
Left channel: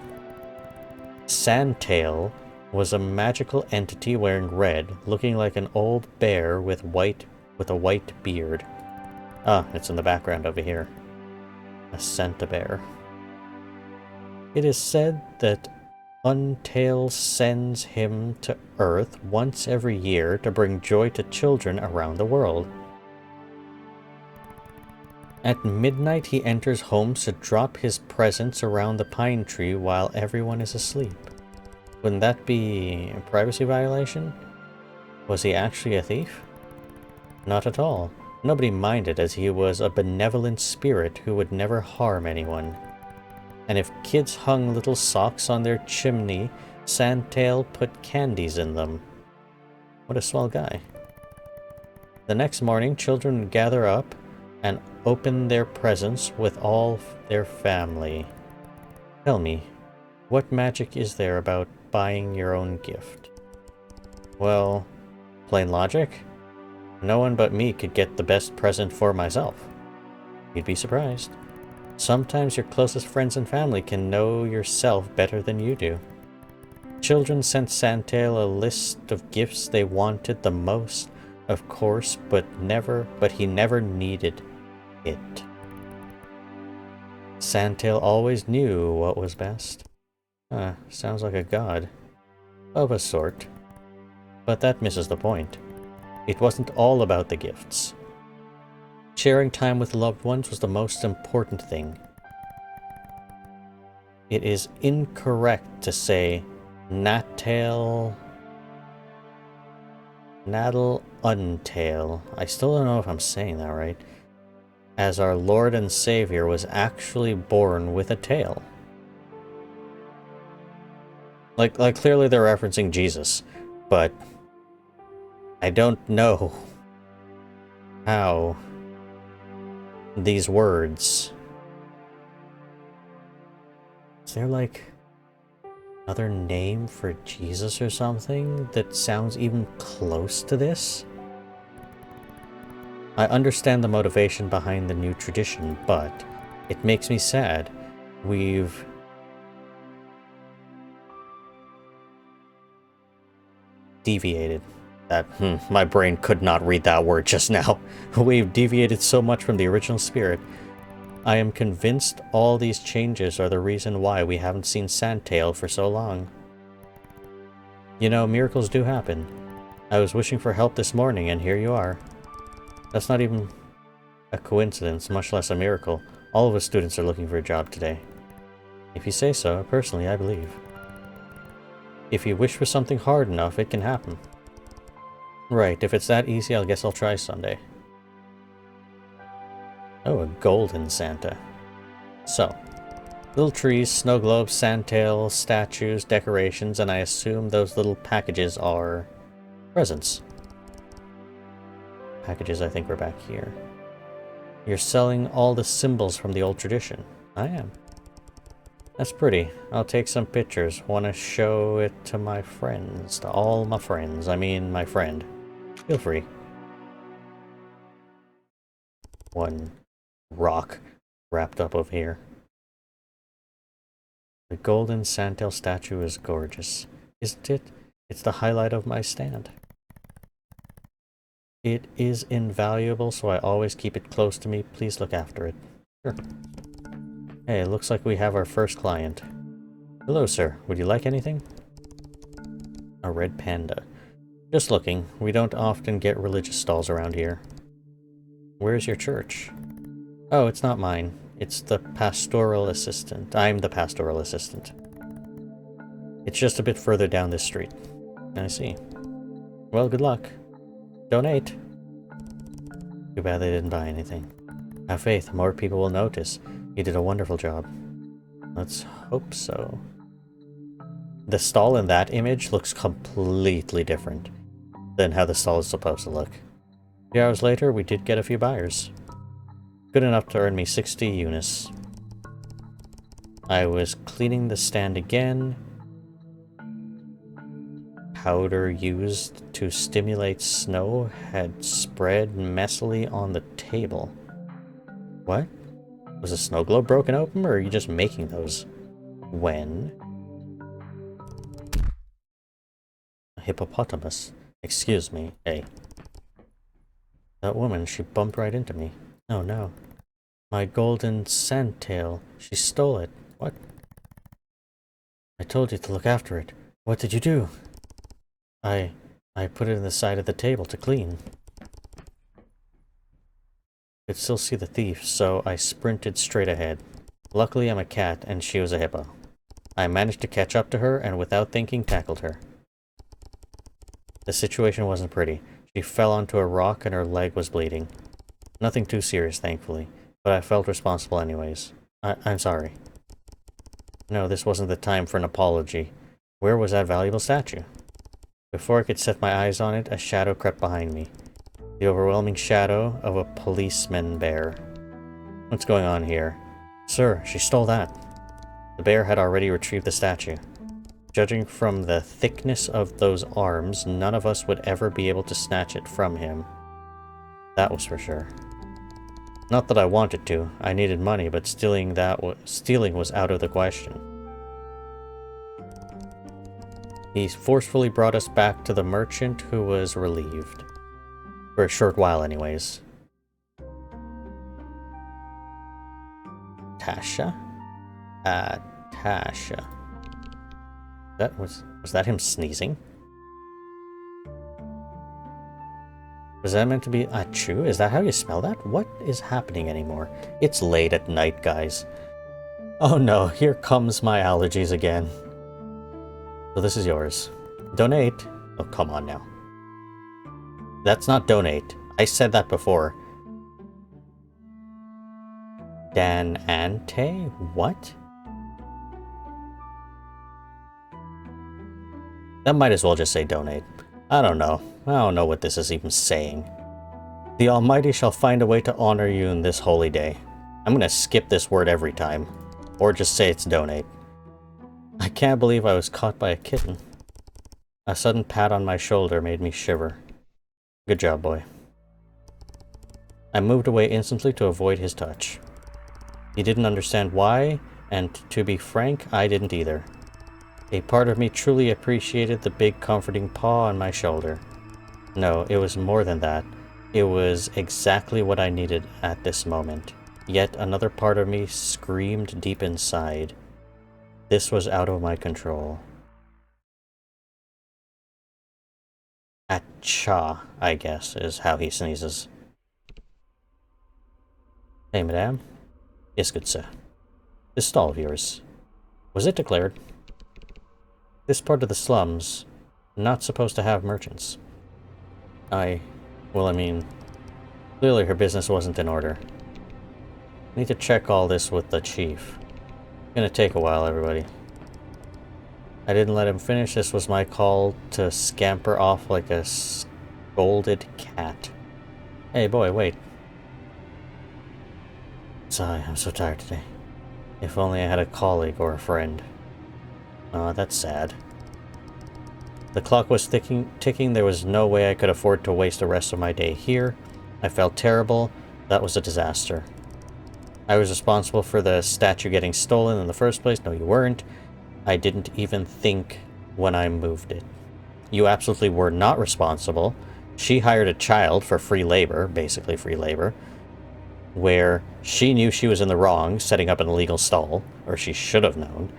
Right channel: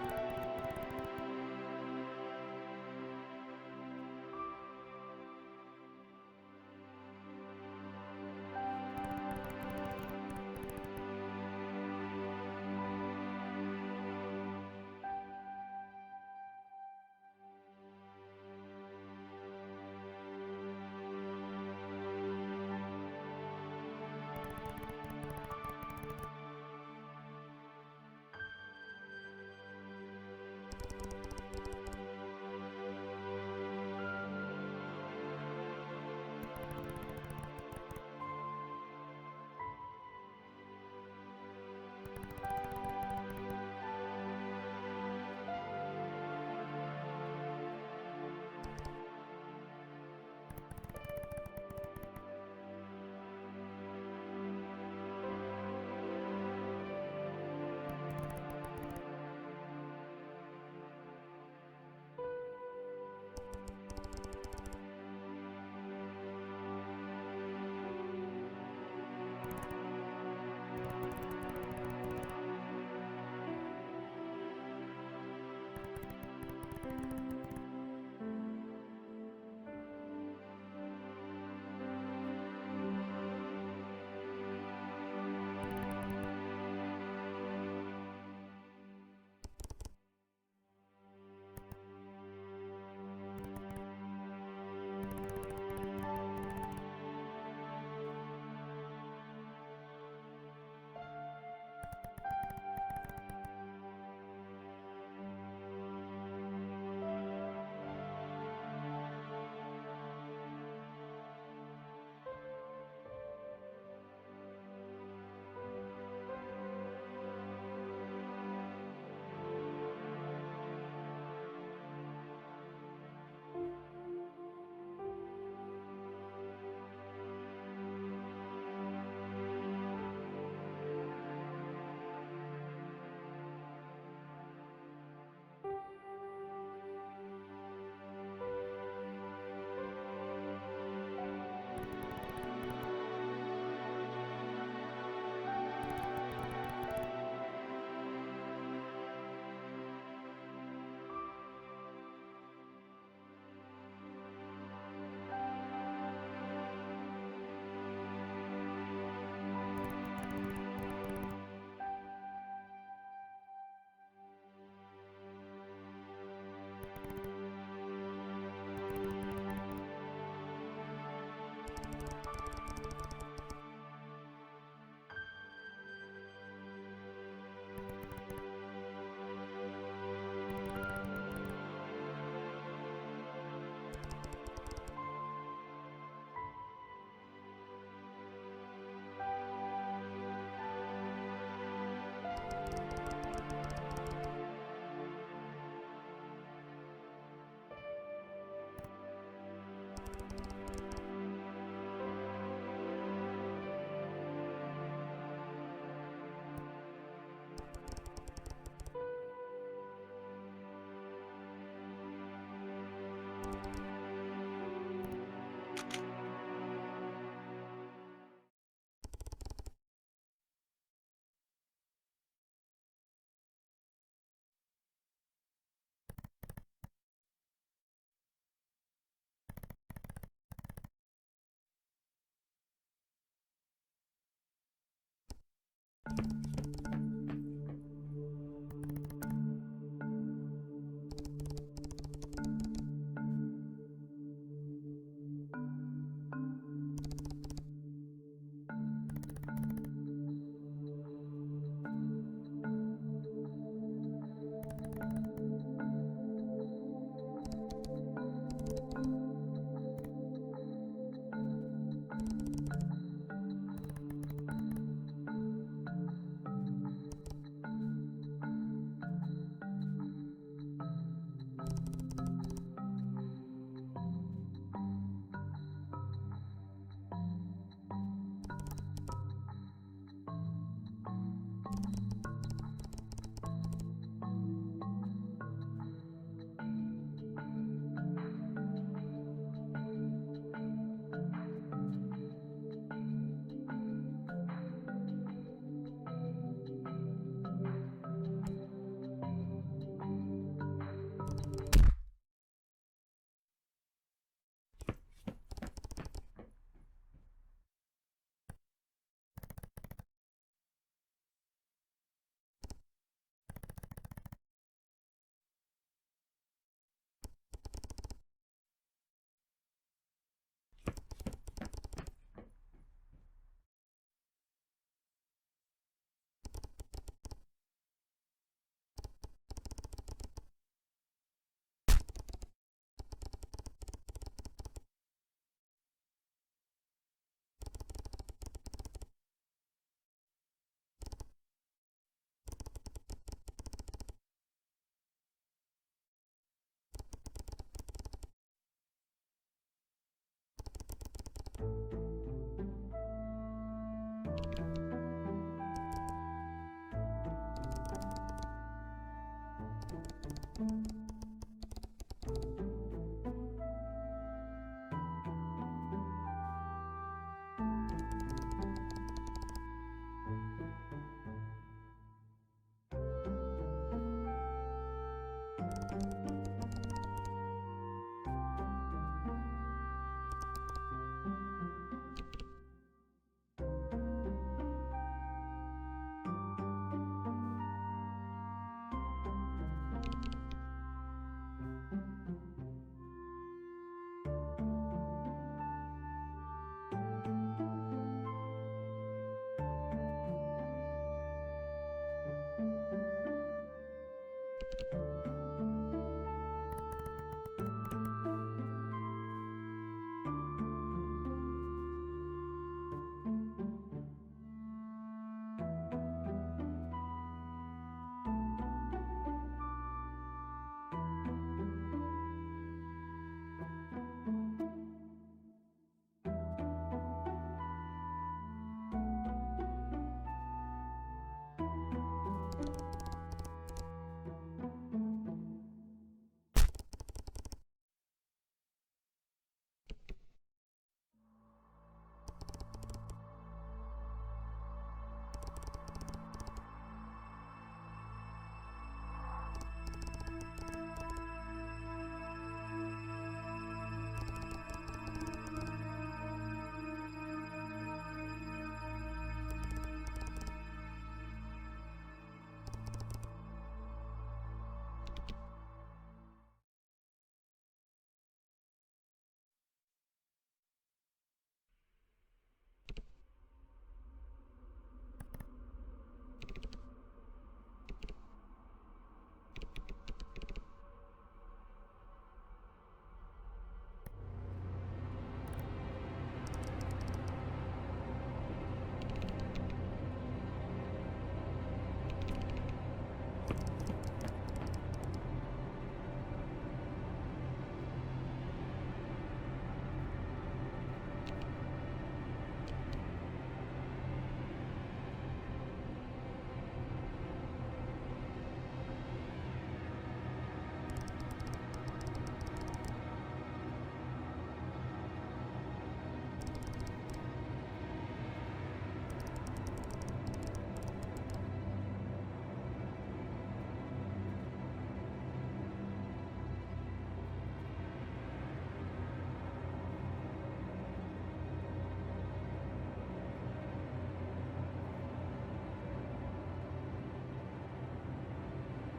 Sandtail was a magical entity wearing red, looking like an old bear with a white beard. Ah, it's in the background over here. A Santa bear. It is said that Untail sends him to Earth once every year to bring joy to children around the world. At midnight, he enters homes to drop his presents around the pine tree while everyone is asleep. Wouldn't that be a privacy violation? Was he actually a thief? Not at all. Nobody minded, as he was a benevolent spirit who would never harm anyone. And if kids hung little socks on their chimney, Sandtail put candies in them. What a swell guy. The next morning, children would gather up and open their presents with all their family. Tell me, what magic is there about buying your own gift? Well, plain logic. No one but me could get the best present for myself. You'd be surprised. Sometimes your closest friends and family can know yourself better than you do. Children sent Sandtail a list of gifts they wanted the most, of course, but he never needed it. Sandtail always knew what was best. Sounds like a god. Of a sort. But that misses the point. It wasn't all about the gifts. Sharing time with loved ones was the most important thing. It is incorrect to say Natal Untail. I still don't know if I'm saying that right. As our Lord and Savior was actually born with a tail. Like clearly they're referencing Jesus, but I don't know how these words... Is there like another name for Jesus or something that sounds even close to this? I understand the motivation behind the new tradition, but it makes me sad. We've deviated. My brain could not read that word just now. We've deviated so much from the original spirit. I am convinced all these changes are the reason why we haven't seen Sandtail for so long. You know, miracles do happen. I was wishing for help this morning, and here you are. That's not even a coincidence, much less a miracle. All of us students are looking for a job today. If you say so, personally, I believe. If you wish for something hard enough, it can happen. Right, if it's that easy, I guess I'll try Sunday. Oh, a golden Santa. So, little trees, snow globes, Sandtail, statues, decorations, and I assume those little packages are presents. Packages, I think, we're back here. You're selling all the symbols from the old tradition. I am. That's pretty. I'll take some pictures. Want to show it to my friends. To all my friends. I mean, my friend. Feel free. One rock wrapped up over here. The golden Sandtail statue is gorgeous. Isn't it? It's the highlight of my stand. It is invaluable, so I always keep it close to me. Please look after it. Sure. Hey, it looks like we have our first client. Hello, sir. Would you like anything? A red panda. Just looking. We don't often get religious stalls around here. Where's your church? Oh, it's not mine. It's the pastoral assistant. I'm the pastoral assistant. It's just a bit further down this street. I see. Well, good luck. Donate. Too bad they didn't buy anything. Have faith, more people will notice. You did a wonderful job. Let's hope so. The stall in that image looks completely different than how the stall is supposed to look. A few hours later, we did get a few buyers. Good enough to earn me 60 units. I was cleaning the stand again. Powder used to stimulate snow had spread messily on the table. What? Was a snow globe broken open, or are you just making those? When? A hippopotamus. Excuse me. Hey. That woman, she bumped right into me. Oh no. My golden sandtail. She stole it. What? I told you to look after it. What did you do? I put it in the side of the table to clean. Could still see the thief, so I sprinted straight ahead. Luckily I'm a cat and she was a hippo. I managed to catch up to her and without thinking tackled her. The situation wasn't pretty. She fell onto a rock and her leg was bleeding. Nothing too serious, thankfully, but I felt responsible anyways. I'm sorry. No, this wasn't the time for an apology. Where was that valuable statue? Before I could set my eyes on it, a shadow crept behind me. The overwhelming shadow of a policeman bear. What's going on here? Sir, she stole that. The bear had already retrieved the statue. Judging from the thickness of those arms, none of us would ever be able to snatch it from him. That was for sure. Not that I wanted to. I needed money, but stealing was out of the question. He forcefully brought us back to the merchant, who was relieved. For a short while, anyways. Tasha? Tasha. Was that him sneezing? Was that meant to be achoo? Is that how you spell that? What is happening anymore? It's late at night, guys. Oh no, here comes my allergies again. So this is yours. Donate. Oh, come on now. That's not donate. I said that before. Dan Ante? What? That might as well just say donate. I don't know. I don't know what this is even saying. The Almighty shall find a way to honor you in this holy day. I'm gonna skip this word every time. Or just say it's donate. I can't believe I was caught by a kitten. A sudden pat on my shoulder made me shiver. Good job, boy. I moved away instantly to avoid his touch. He didn't understand why, and to be frank, I didn't either. A part of me truly appreciated the big comforting paw on my shoulder. No, it was more than that. It was exactly what I needed at this moment. Yet another part of me screamed deep inside. This was out of my control. Acha, I guess, is how he sneezes. Hey, madame. Yes, good sir. This stall of yours, was it declared? This part of the slums, not supposed to have merchants. Well, I mean, clearly her business wasn't in order. Need to check all this with the chief. Gonna take a while, everybody. I didn't let him finish. This was my call to scamper off like a scolded cat. Hey, boy, wait. Sorry, I'm so tired today. If only I had a colleague or a friend. Oh, that's sad. The clock was ticking. There was no way I could afford to waste the rest of my day here. I felt terrible. That was a disaster. I was responsible for the statue getting stolen in the first place. No, you weren't. I didn't even think when I moved it. You absolutely were not responsible. She hired a child for free labor, basically free labor, where she knew she was in the wrong, setting up an illegal stall, or she should have known.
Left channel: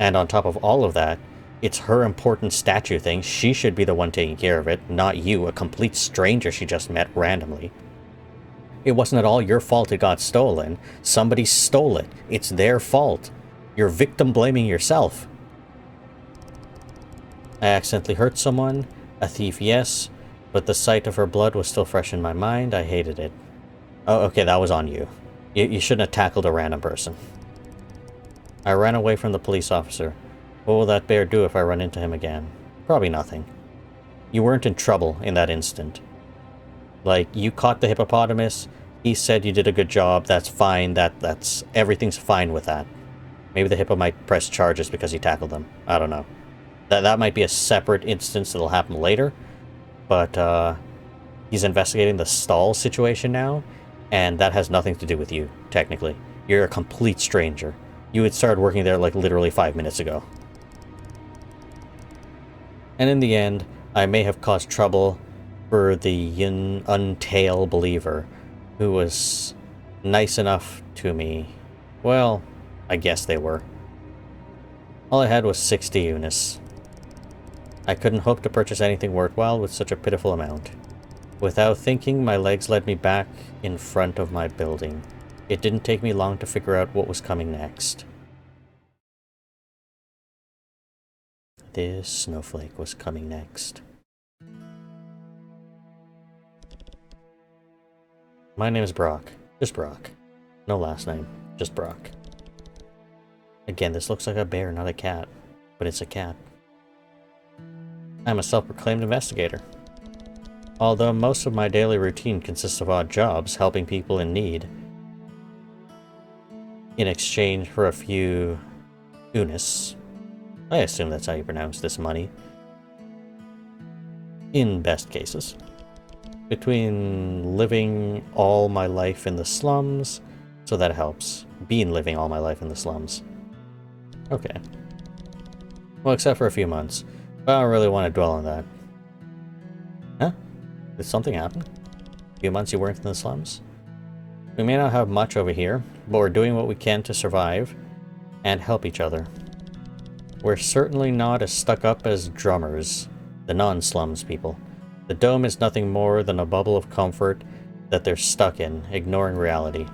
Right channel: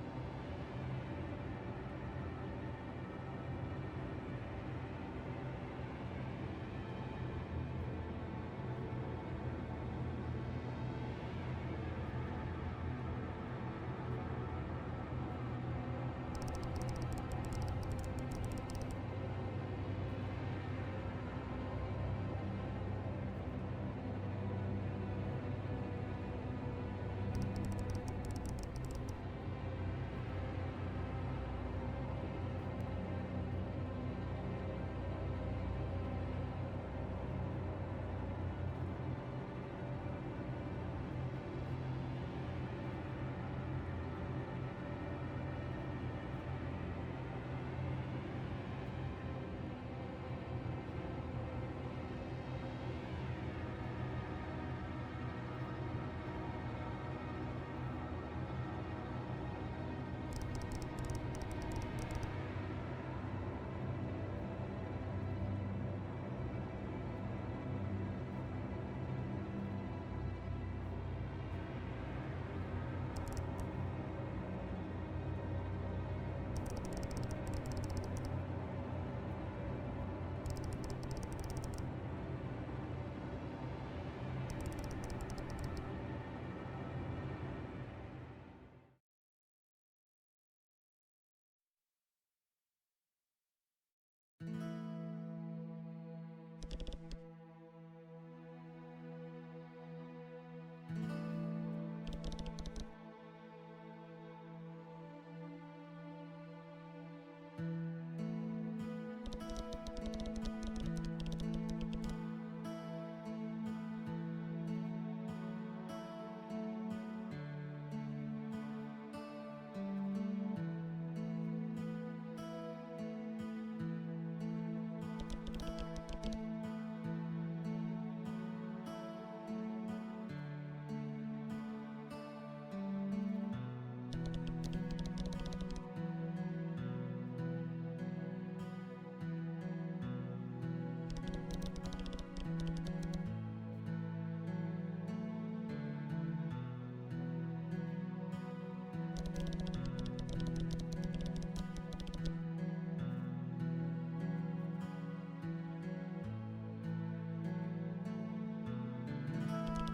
And on top of all of that, it's her important statue thing. She should be the one taking care of it, not you, a complete stranger she just met randomly. It wasn't at all your fault it got stolen. Somebody stole it. It's their fault. You're victim blaming yourself. I accidentally hurt someone. A thief, yes. But the sight of her blood was still fresh in my mind. I hated it. Oh, okay, that was on you. You shouldn't have tackled a random person. I ran away from the police officer. What will that bear do if I run into him again? Probably nothing. You weren't in trouble in that instant. Like, you caught the hippopotamus. He said you did a good job. That's fine. That's everything's fine with that. Maybe the hippo might press charges because he tackled them. I don't know. That might be a separate instance that'll happen later. But he's investigating the stall situation now, and that has nothing to do with you, technically. You're a complete stranger. You had started working there like literally 5 minutes ago. And in the end, I may have caused trouble for the untail believer, who was nice enough to me. Well, I guess they were. All I had was 60 units. I couldn't hope to purchase anything worthwhile with such a pitiful amount. Without thinking, my legs led me back in front of my building. It didn't take me long to figure out what was coming next. This snowflake was coming next. My name is BROK. Just BROK. No last name. Just BROK. Again, this looks like a bear, not a cat. But it's a cat. I'm a self-proclaimed investigator. Although most of my daily routine consists of odd jobs, helping people in need, in exchange for a few unis. I assume that's how you pronounce this money. In best cases. Between living all my life in the slums, so that helps. Been living all my life in the slums. Okay. Well, except for a few months. But I don't really want to dwell on that. Huh? Did something happen? A few months you weren't in the slums? We may not have much over here, but we're doing what we can to survive and help each other. We're certainly not as stuck up as drummers, the non-slums people. The dome is nothing more than a bubble of comfort that they're stuck in, ignoring reality.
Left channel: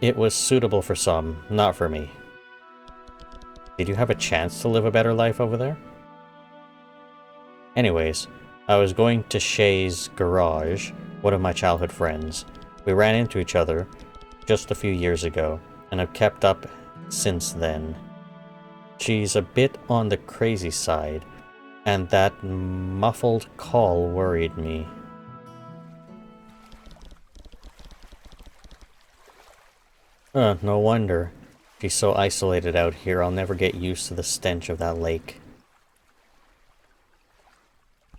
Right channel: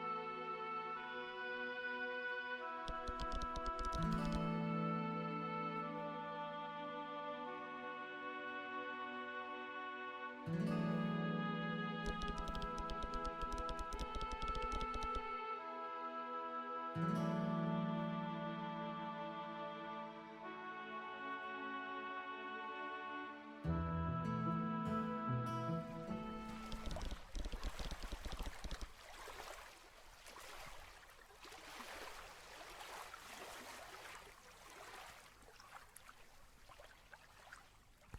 It was suitable for some, not for me. Did you have a chance to live a better life over there? Anyways, I was going to Shay's garage, one of my childhood friends. We ran into each other just a few years ago, and have kept up since then. She's a bit on the crazy side, and that muffled call worried me. No wonder. She's so isolated out here, I'll never get used to the stench of that lake.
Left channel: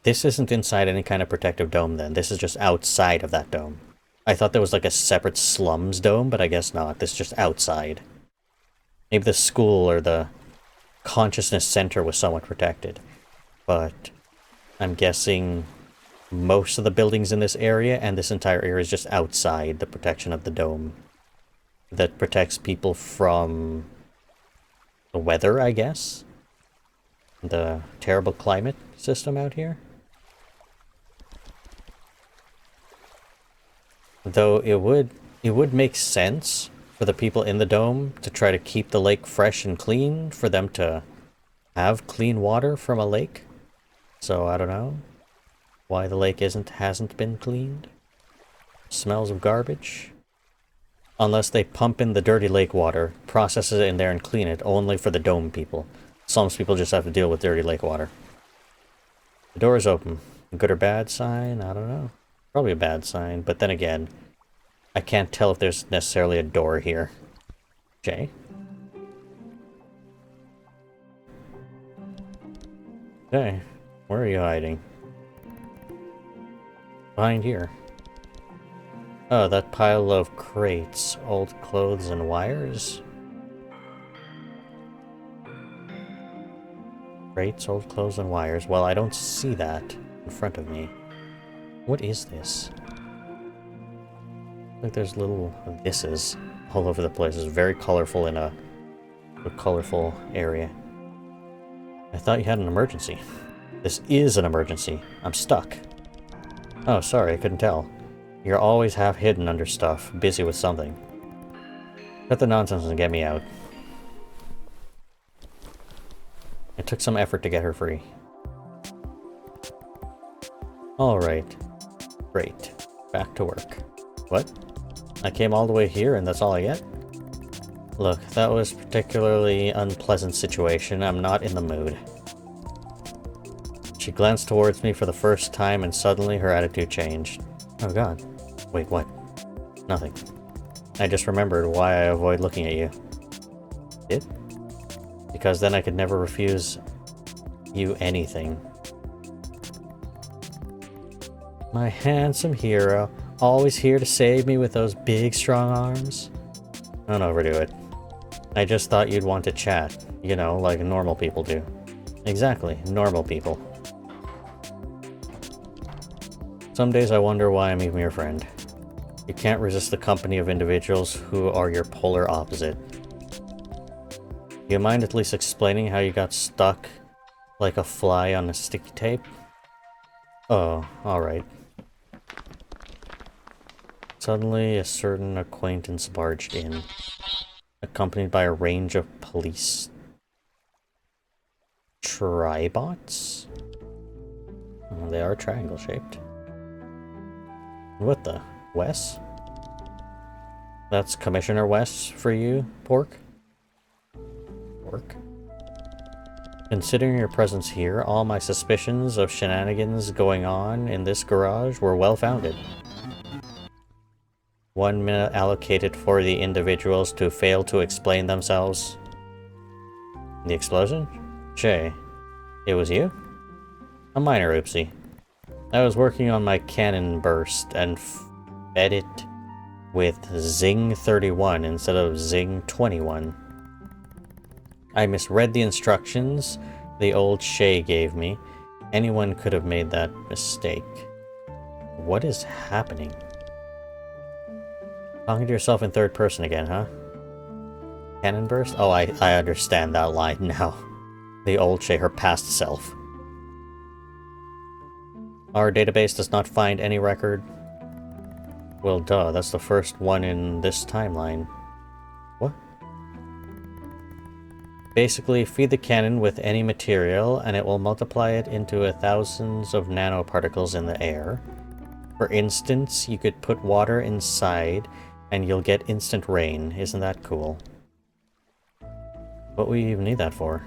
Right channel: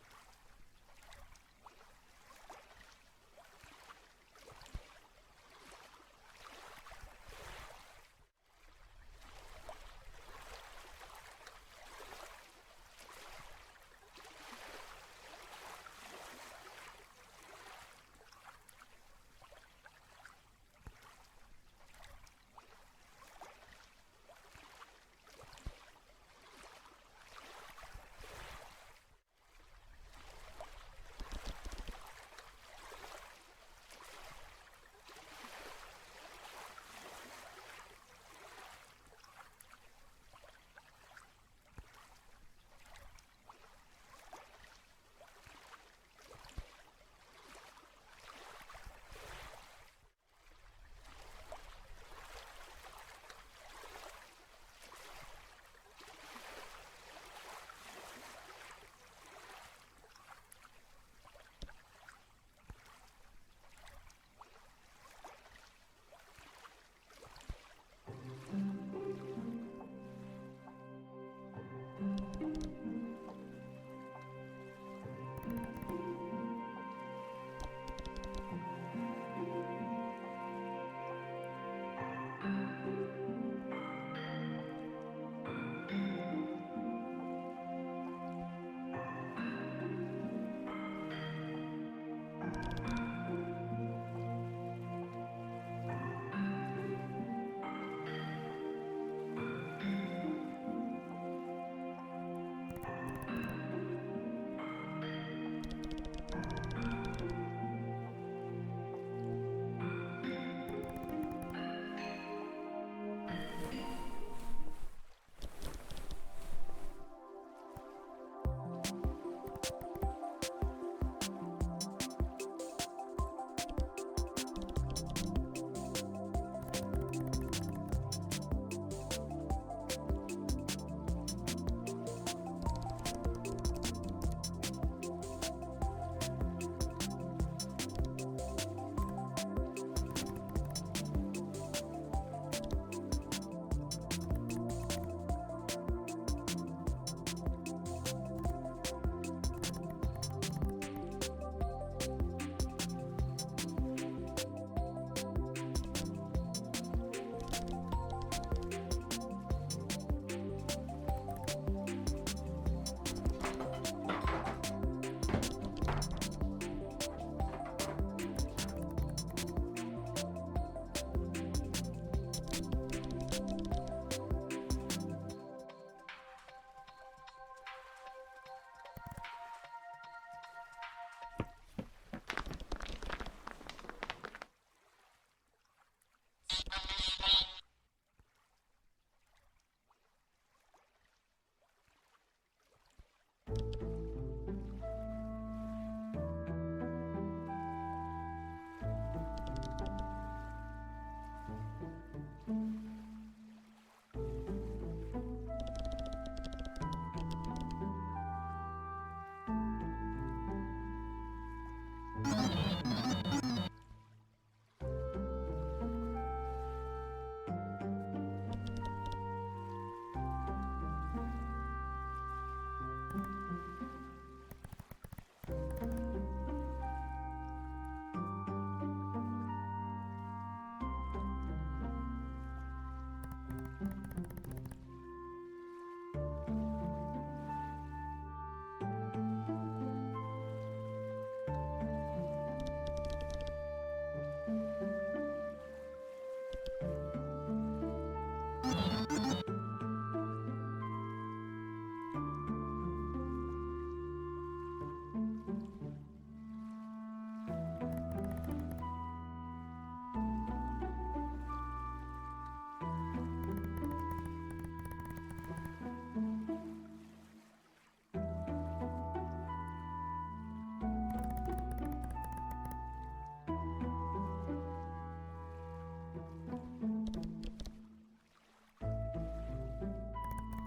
This isn't inside any kind of protective dome then. This is just outside of that dome. I thought there was like a separate slums dome, but I guess not. This is just outside. Maybe the school or the consciousness center was somewhat protected. But I'm guessing most of the buildings in this area and this entire area is just outside the protection of the dome. That protects people from the weather, I guess? The terrible climate system out here? Though it would make sense for the people in the dome to try to keep the lake fresh and clean, for them to have clean water from a lake. So I don't know why the lake hasn't been cleaned. Smells of garbage. Unless they pump in the dirty lake water, process it in there and clean it, only for the dome people. Some people just have to deal with dirty lake water. The door is open. Good or bad sign? I don't know. Probably a bad sign, but then again, I can't tell if there's necessarily a door here. Jay? Okay, where are you hiding? Behind here. Oh, that pile of crates, old clothes and wires? Crates, old clothes and wires. Well, I don't see that in front of me. What is this? Like there's little thises all over the place. It's very colorful in a colorful area. I thought you had an emergency. This is an emergency. I'm stuck. Oh, sorry, I couldn't tell. You're always half hidden under stuff, busy with something. Cut the nonsense and get me out. It took some effort to get her free. Alright. Great. Back to work. What? I came all the way here and that's all I get? Look, that was a particularly unpleasant situation. I'm not in the mood. She glanced towards me for the first time and suddenly her attitude changed. Oh god. Wait, what? Nothing. I just remembered why I avoid looking at you. Did? Because then I could never refuse you anything. My handsome hero, always here to save me with those big strong arms. Don't overdo it. I just thought you'd want to chat, you know, like normal people do. Exactly, normal people. Some days I wonder why I'm even your friend. You can't resist the company of individuals who are your polar opposite. Do you mind at least explaining how you got stuck like a fly on a sticky tape? Oh, alright. Suddenly, a certain acquaintance barged in, accompanied by a range of police tribots? Oh, they are triangle-shaped. What the? Wes? That's Commissioner Wes for you, Pork? Pork? Considering your presence here, all my suspicions of shenanigans going on in this garage were well-founded. 1 minute allocated for the individuals to fail to explain themselves. The explosion? Shay, it was you? A minor oopsie. I was working on my cannon burst and fed it with Zing 31 instead of Zing 21. I misread the instructions the old Shay gave me. Anyone could have made that mistake. What is happening? Talking to yourself in third person again, huh? Cannon burst? Oh, I understand that line now. The old Shay, her past self. Our database does not find any record. Well, duh, that's the first one in this timeline. What? Basically, feed the cannon with any material, and it will multiply it into thousands of nanoparticles in the air. For instance, you could put water inside, and you'll get instant rain. Isn't that cool? What would you even need that for?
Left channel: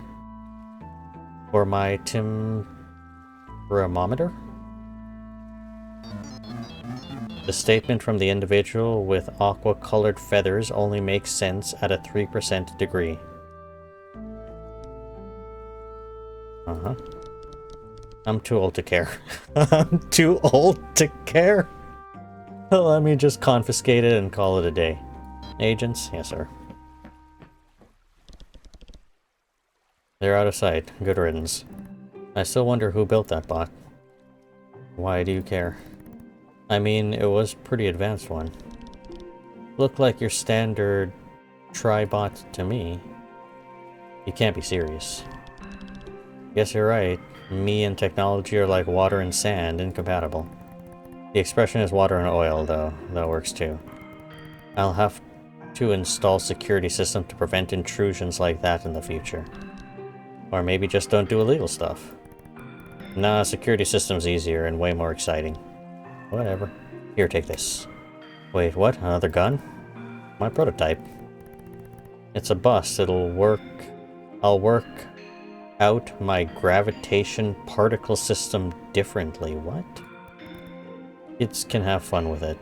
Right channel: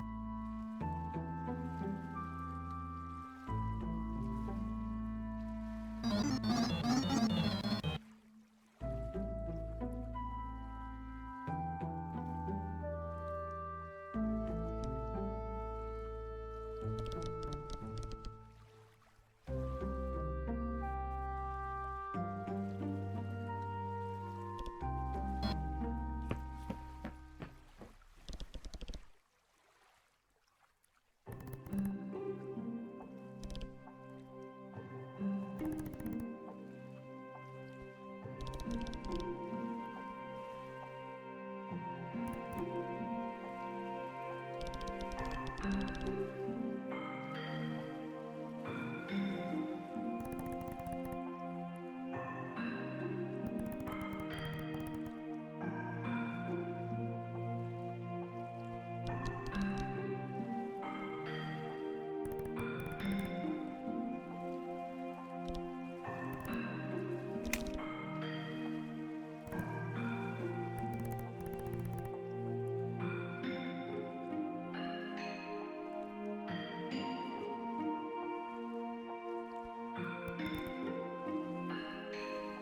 For my thermometer? The statement from the individual with aqua-colored feathers only makes sense at a 3% degree. Uh-huh. I'm too old to care. I'm too old to care. Let me just confiscate it and call it a day. Agents? Yes, sir. They're out of sight. Good riddance. I still wonder who built that bot. Why do you care? I mean, it was a pretty advanced one. Looked like your standard tribot to me. You can't be serious. Guess you're right. Me and technology are like water and sand, incompatible. The expression is water and oil, though. That works too. I'll have to install security system to prevent intrusions like that in the future. Or maybe just don't do illegal stuff. Nah, security system's easier and way more exciting. Whatever. Here, take this. Wait, what? Another gun? My prototype. It's a bust. It'll work. I'll work out my gravitation particle system differently. What? Kids can have fun with it.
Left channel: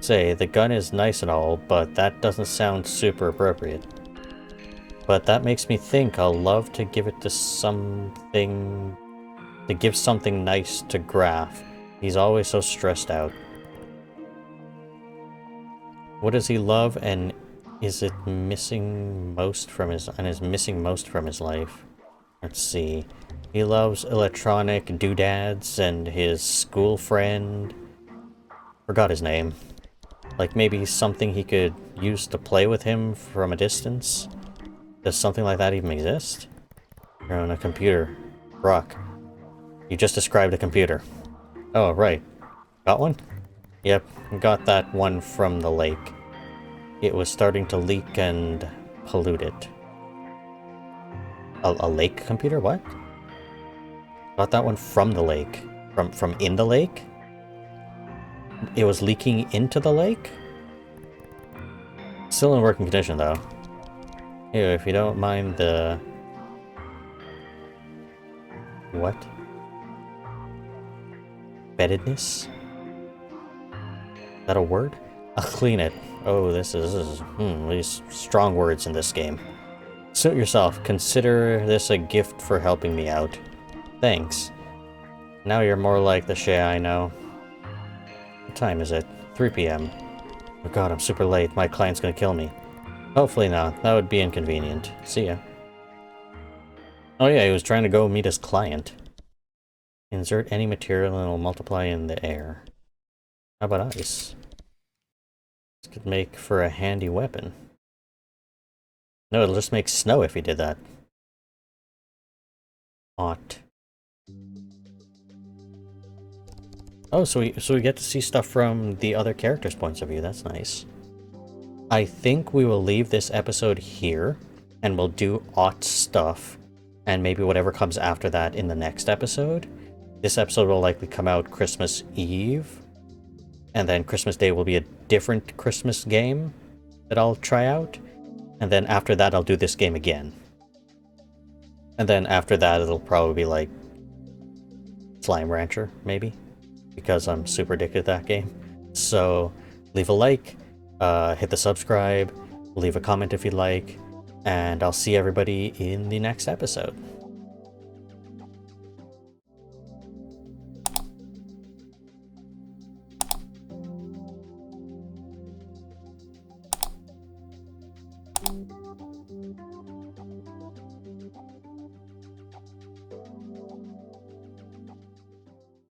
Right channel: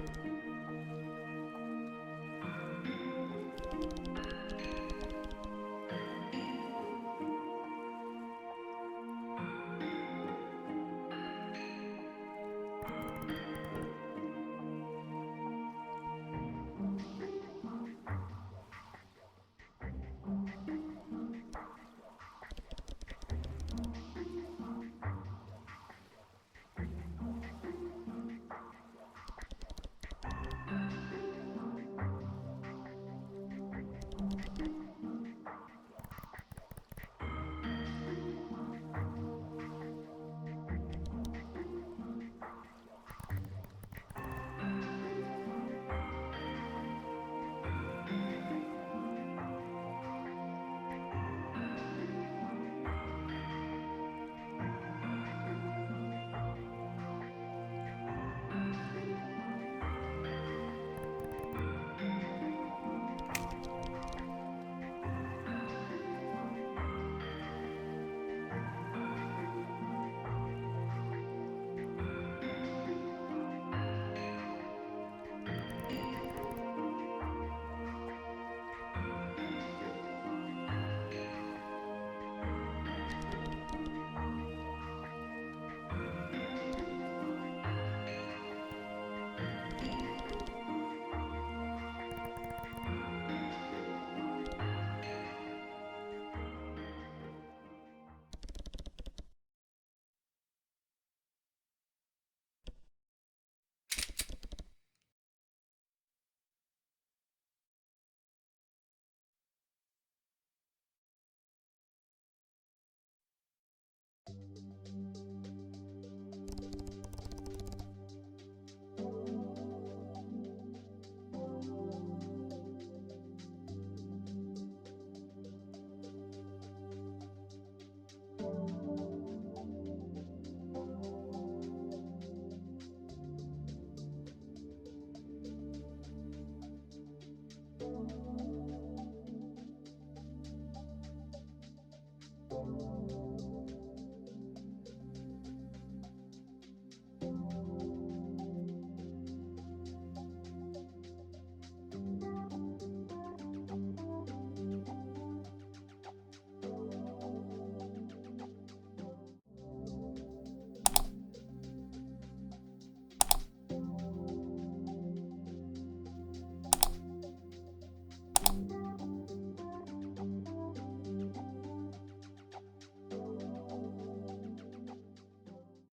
Say, the gun is nice and all, but that doesn't sound super appropriate. But that makes me think I'll love to give it to something... to give something nice to Graf. He's always so stressed out. What does he love, and is it missing most from his... and is missing most from his life? Let's see. He loves electronic doodads and his school friend. Forgot his name. Like maybe something he could use to play with him from a distance? Does something like that even exist? You're on a computer. BROK. You just described a computer. Oh, right. Got one? Yep, got that one from the lake. It was starting to leak and pollute it. A lake computer? What? Got that one from the lake. From in the lake? It was leaking into the lake? Still in working condition, though. Here, if you don't mind the... What? Beddedness? Is that a word? I'll clean it. Oh, this is these strong words in this game. Suit yourself. Consider this a gift for helping me out. Thanks. Now you're more like the Shay I know. What time is it? 3 p.m. Oh god, I'm super late. My client's gonna kill me. Hopefully not. That would be inconvenient. See ya. Oh yeah, he was trying to go meet his client. Insert any material and it'll multiply in the air. How about ice? This could make for a handy weapon. No, it'll just make snow if he did that. Ought. Oh, so we get to see stuff from the other characters' points of view. That's nice. I think we will leave this episode here, and we'll do Ought stuff, and maybe whatever comes after that in the next episode. This episode will likely come out Christmas Eve, and then Christmas Day will be a different Christmas game that I'll try out, and then after that I'll do this game again. And then after that it'll probably be like Slime Rancher, maybe, because I'm super addicted to that game. So leave a like, hit the subscribe, leave a comment if you'd like, and I'll see everybody in the next episode.